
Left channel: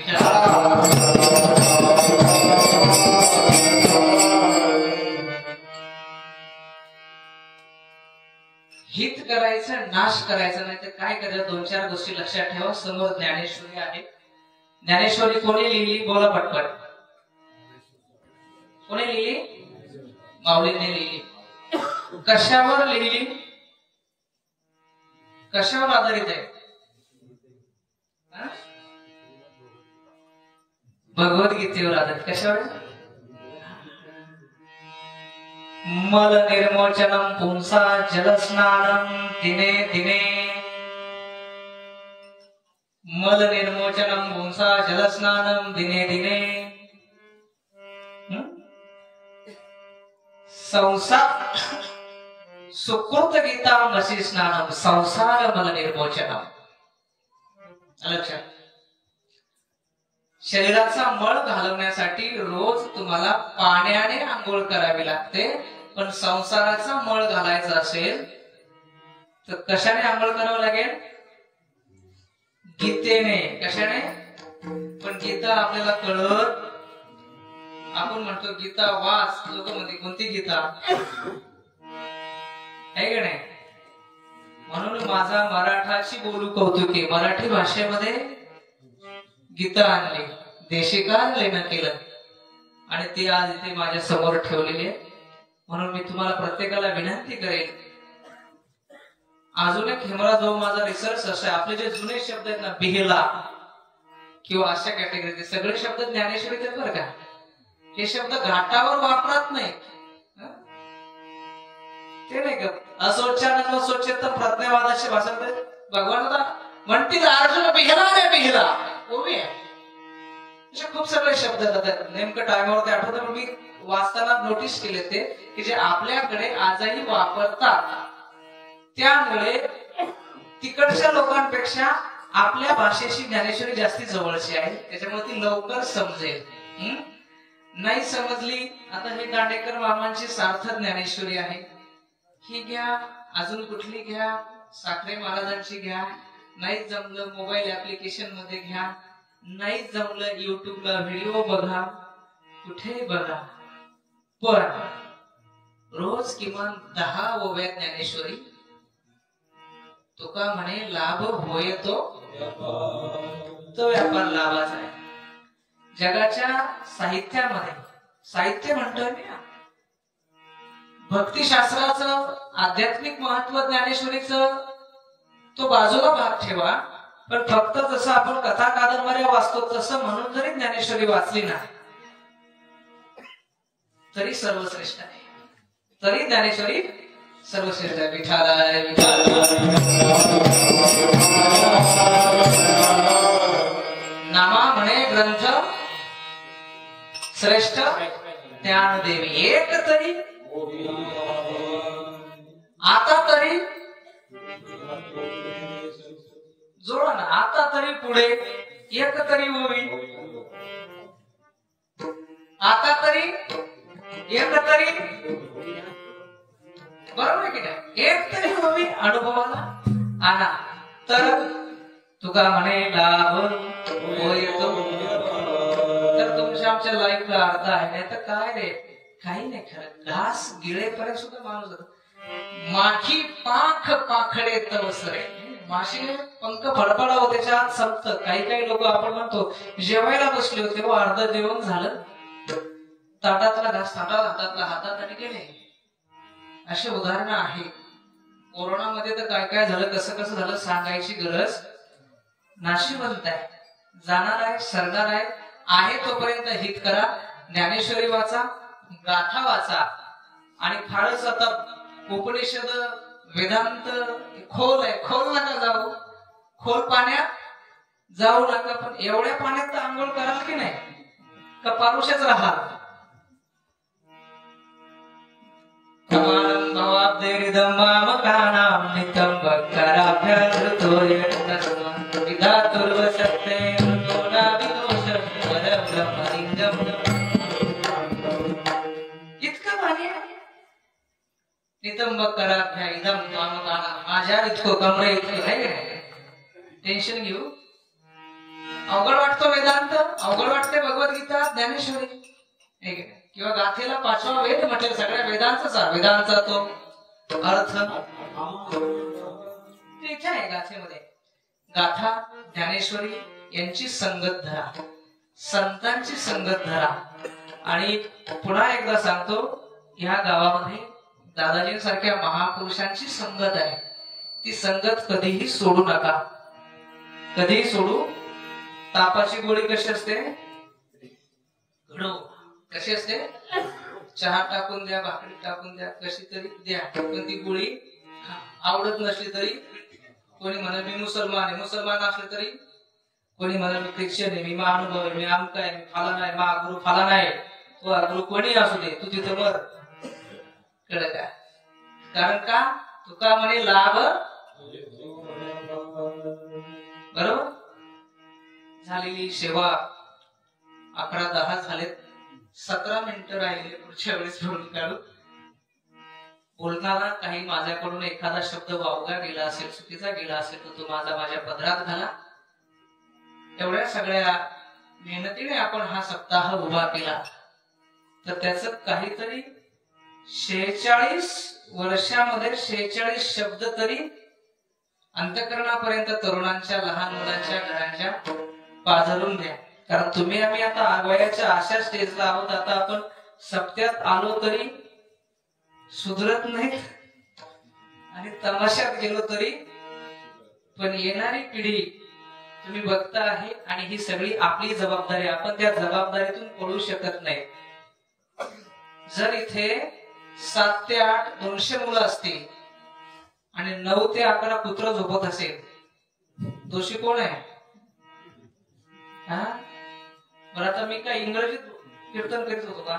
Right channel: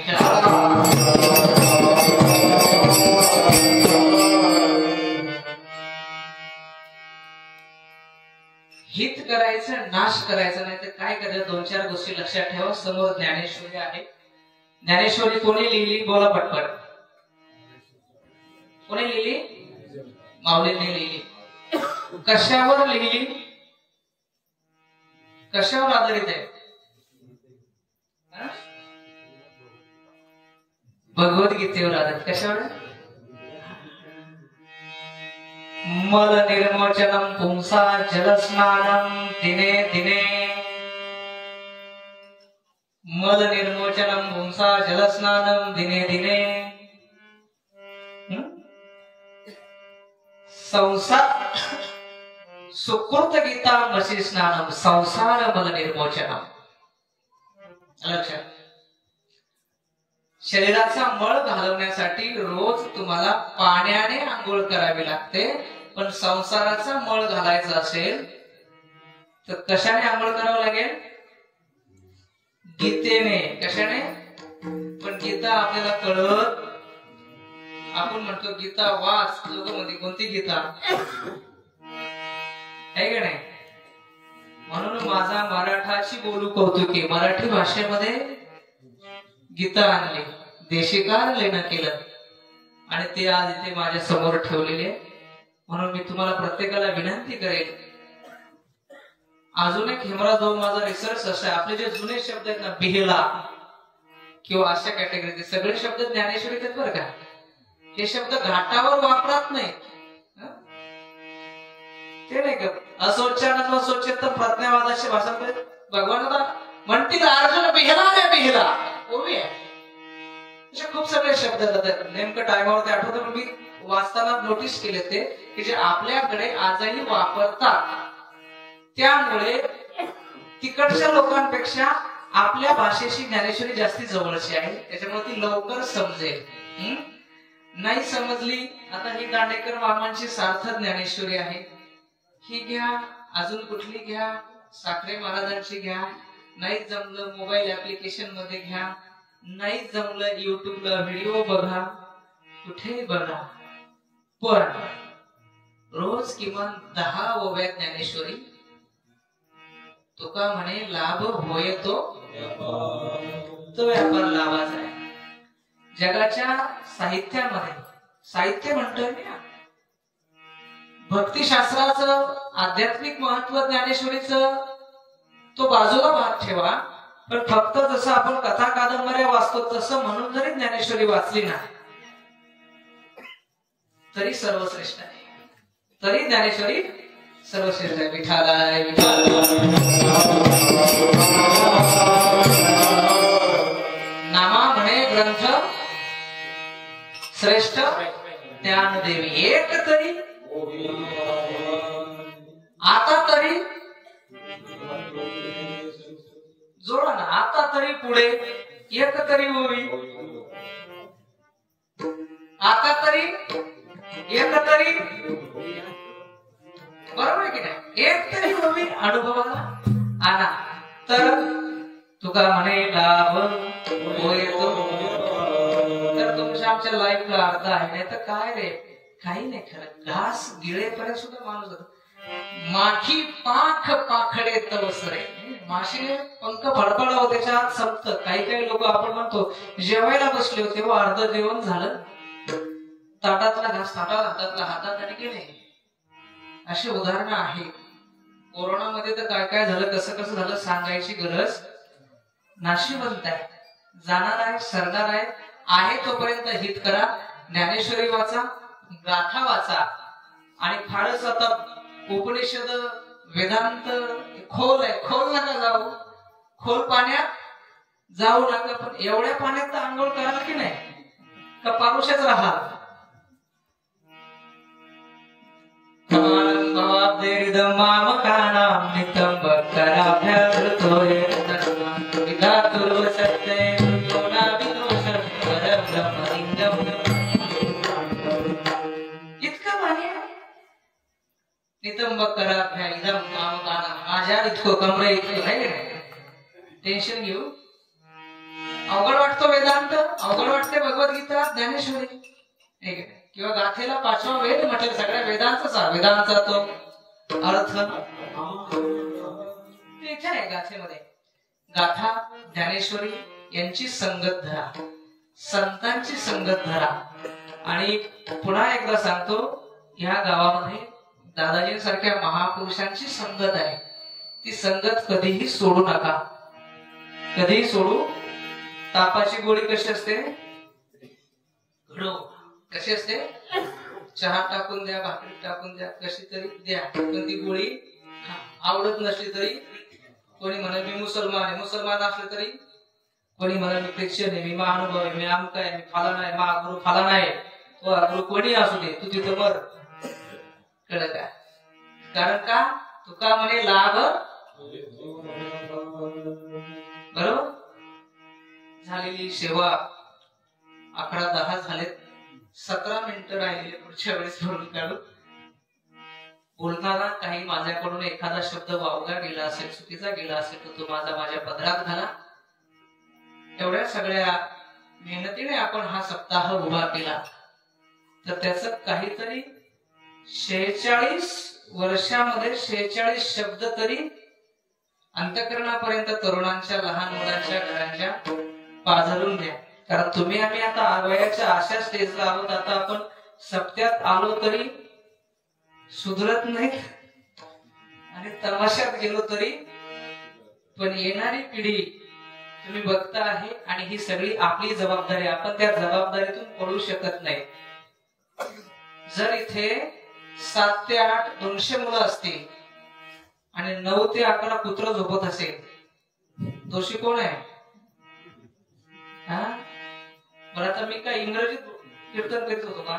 हित करायचं, नाश करायचं नाही तर काय करायचं. 2-4 गोष्टी लक्षात ठेवा. समोर ज्ञानेश्वरी आहे. ज्ञानेश्वरी कोणी लिहिली, बोला पटपट. कोणी लिहिली? माऊलींनी लिहिली. कशावर लिहिली, कशावर आधारित आहे? भगवद्गीतेवर आधारित. कशावर? मल निर्मोचनम पुंसा जलस्नानम दिने दिने. मल निर्मोचनम पुंसा जलस्नानम दिने दिने. संसार सुकृत गीता मसी स्नानम संसार मल निर्मोचनम. लक्षात, शरीराचा मळ घालवण्यासाठी रोज तुम्हाला पाण्याने आंघोळ करावी लागते, पण संसाराचा मळ घालायचा असेल तर कशाने आंघोळ करावं लागेल? गीतेने. कशाने? पण गीता आपल्याला कळत, आपण म्हणतो गीता वाच, लोक म्हणते कोणती गीता आहे का नाही. म्हणून माझा मराठाची बोलू कौतुकी, मराठी भाषेमध्ये गीता आणली, देशिकाल लेणं केलं आणि ते आज इथे माझ्या समोर ठेवलेले. म्हणून मी तुम्हाला प्रत्येकाला विनंती करेन, अजून एक हिमरा जो माझा रिसर्च असा, आपले जे जुने शब्द आहेत ना, बिहेला किंवा अशा कॅटेगरीचे सगळे शब्द ज्ञानेश्वरीत आहेत बरं का. हे शब्द घाटावर वापरत नाही, ते नाही का. असोच्चारण स्वच्छता प्रज्ञावादाचे भाषांतर भगवान म्हणतील अर्जुन बिहला रे बिहला, ओवी आहे. खूप सगळे शब्द येतात, नेमकं टायमावर ते आठवतं, पण मी वाचताना नोटीस केले ते की जे आपल्याकडे आजही वापरतात. त्यामुळे तिकडच्या लोकांपेक्षा आपल्या भाषेशी ज्ञानेश्वरी जास्ती जवळची आहे, त्याच्यामुळे ती लवकर समजेल. नाही समजली, आता ही दांडेकर मामांची सार्थक ज्ञानेश्वरी आहे, ही घ्या, अजून कुठली घ्या, साखरे महाराजांची घ्या, नाही जमलं मोबाईल ऍप्लिकेशन मध्ये घ्या, नाही जमलं युट्यूबला व्हिडिओ बघा, कुठे बघा, पण रोज किमान 10 ओव्या ज्ञानेश्वरी. तुका म्हणे लाभ होय तो व्यापार लाभाचा आहे. जगाच्या साहित्यामध्ये, साहित्य म्हणतोय मी, भक्तिशास्त्राचं आध्यात्मिक महत्व ज्ञानेश्वरीचं तो बाजूला भाग ठेवा, पण फक्त जसं आपण कथा कादंबऱ्या वाचतो तसं म्हणून जरी ज्ञानेश्वरी वाचली ना तरी सर्वश्रेष्ठ आहे, तरी ज्ञानेश्वरी सर्वश्रेष्ठ आहे. विठालाय नामा म्हणे ग्रंथ श्रेष्ठ ज्ञानदेवी. एक तरी आता तरी जोडा ना, आता तरी पुढे एक तरी होवी, आता तरी एक तरी, बरोबर आहे की नाही. एक तरी होवी अनुभवाला आणा, तर तुका म्हणे लाभ होय तो. तर तुमच्या आमच्या लाईफला अर्थ आहे, नाही तर काय रे, काही नाही खरं. घास गिळेपर्यंत सुद्धा माणूस जातो. माखी पाख पाखडे तवसरे, माशी पंख फडफडावं त्याच्या आत संपत. काही लोक आपण म्हणतो जेवायला बसले होते, तेव्हा अर्ध जेवण झालं, ताटातला घास हातातला हातात आणि गेले. अशी उदाहरणं आहे. कोरोनामध्ये तर काय झालं, कसं झालं सांगायची गरज. नाशिवंत आहे, जाणार आहे, सरणार आहे तोपर्यंत हित करा. ज्ञानेश्वरी वाचा, गाथा वाचा, आणि फारच आता उपनिषद वेदांत खोल आहे, खोल नका जाऊ, खोल पाण्यात जाऊ नका, पण एवढ्या पाण्यात आंघोळ कराल की नाही का पारुषच राहाल. नितंबक कराभ्या इदम कामकाना. माझ्या इतकं कमरे इतकं नाही, टेन्शन घेऊ. अवघड वाटतो वेदांत, अवघड वाटते भगवद्गीता, ज्ञानेश्वरी किंवा गाथेला 5वा वेद म्हटलं. सगळ्या वेदांचा तो अर्थ तिथे आहे गाथेमध्ये. गाथा ज्ञानेश्वरी यांची संगत धरा, संतांची संगत धरा. आणि पुन्हा एकदा सांगतो, ह्या गावामध्ये दादाजींसारख्या महापुरुषांची संगत आहे. ती संगत कधीही सोडू नका, कधीही सोडू. तापाची गोळी कशी असते, कशी असते, चहा टाकून द्या, भाकरी टाकून द्या, कशी तरी द्या, पण ती गोळी आवडत नसली तरी. कोणी म्हणे मी मुसलमान आहे, मुसलमान असले तरी. कोणी म्हणे मी ख्रिश्चन आहे, मी महानुभव आहे, मी आमका आहे, मी फाला नाही, महागुरु फाला नाही. गुरु कोणी असू दे, तू तिथं बर. कळलं का? कारण का तुका म्हणे लाभ बरोबर. झालेली सेवा 11:10 झालेत. 17 मिनिटं राहिले. पुढच्या वेळेस बोलून काढू. बोलताना काही माझ्याकडून एखादा शब्द वावगा गेला असेल, चुकीचा गेला असेल तर तो माझ्या पदरात घाला. एवढ्या सगळ्या मेहनतीने आपण हा सप्ताह उभा केला तर त्याचं काहीतरी 46 वर्षामध्ये 46 शब्द तरी अंतःकरणापर्यंत तरुणांच्या, लहान मुलांच्या, घरांच्या पाझरून द्या. कारण तुम्ही आम्ही आता आगवयाच्या अशा स्टेजला आहोत. आता आपण सप्त्यात आलो तरी सुधरत नाही आणि तमाशात गेलो तरी. पण येणारी पिढी तुम्ही बघता आहे आणि ही सगळी आपली जबाबदारी. आपण त्या जबाबदारीतून पडू शकत नाही. जर इथे 7 ते 8 200 मुलं असतील आणि 9 ते 11 पुत्र झोपत असेल, दोषी कोण आहे? मला आता मी काय इंग्रजीत कीर्तन करीत होतो का?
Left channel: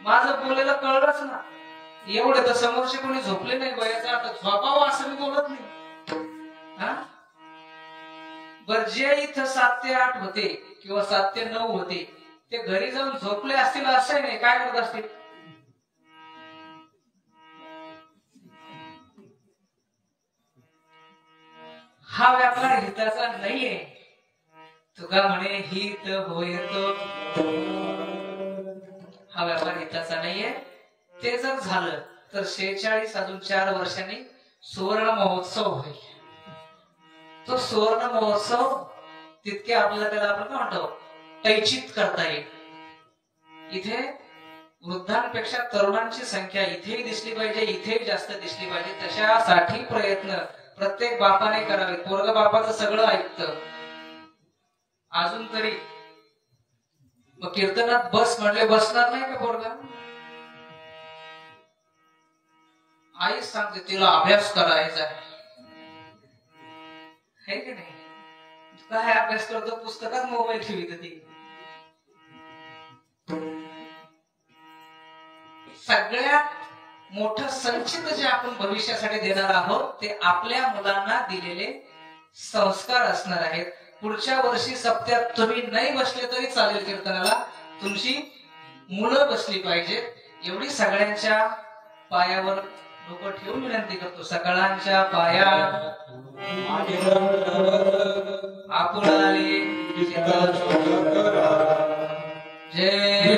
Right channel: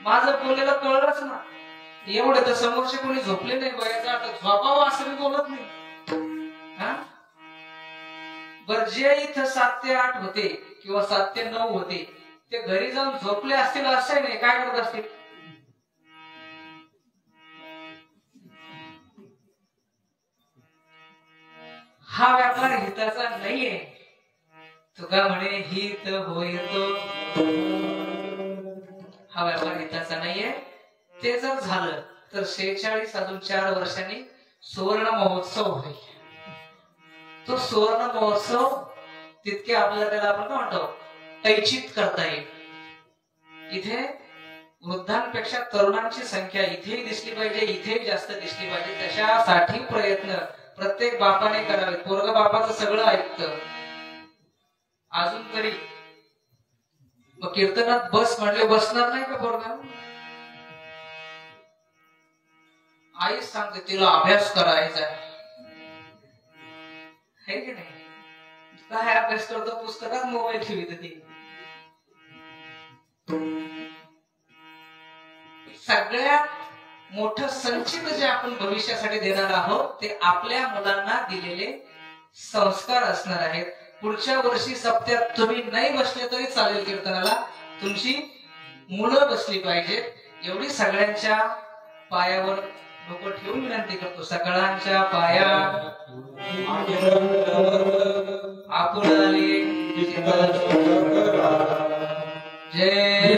माझं बोलायला कळलंच ना. एवढे तर समोरचे कोणी झोपले नाही. बऱ्याच झोपावं असं मी बोलत नाही. बर, जे इथं 7 ते 8 होते किंवा 7 ते 9 होते ते घरी जाऊन झोपले असतील असं नाही. काय करत असतील? हा व्यापार हिताचा नाहीये. तुका म्हणे हित होईतो. हा व्यापार हिताचा नाहीये. ते जर झालं तर 46 अजून 4 वर्षांनी सुवर्ण महोत्सव होईल. तो सुवर्ण महोत्सव तितके आपल्याला त्याला आपण काय म्हणतो तैचित करता येईल. इथे वृद्धांपेक्षा तरुणांची संख्या इथेही दिसली पाहिजे, इथेही जास्त दिसली पाहिजे. त्याच्यासाठी प्रयत्न प्रत्येक बापाने करावे. पोरग बापाचं सगळं ऐकतं अजून तरी. कीर्तनात बस म्हणले बसणार नाही का पोरगा? आई सांगते तिला अभ्यास करायचा आहे की नाही? काय अभ्यास करतो? पुस्तकात मोबाईल ठेवित ती. सगळ्यात मोठं संचित जे आपण भविष्यासाठी देणार आहोत ते आपल्या मुलांना दिलेले संस्कार असणार आहेत. पुढच्या वर्षी सप्त्यात तुम्ही नाही बसले तरी चालेल कीर्तनाला, तुमची मुलं बसली पाहिजेत. एवढी सगळ्यांच्या पायावर डोकं ठेवून विनंती करतो. सगळ्यांच्या पाया आपण आले जय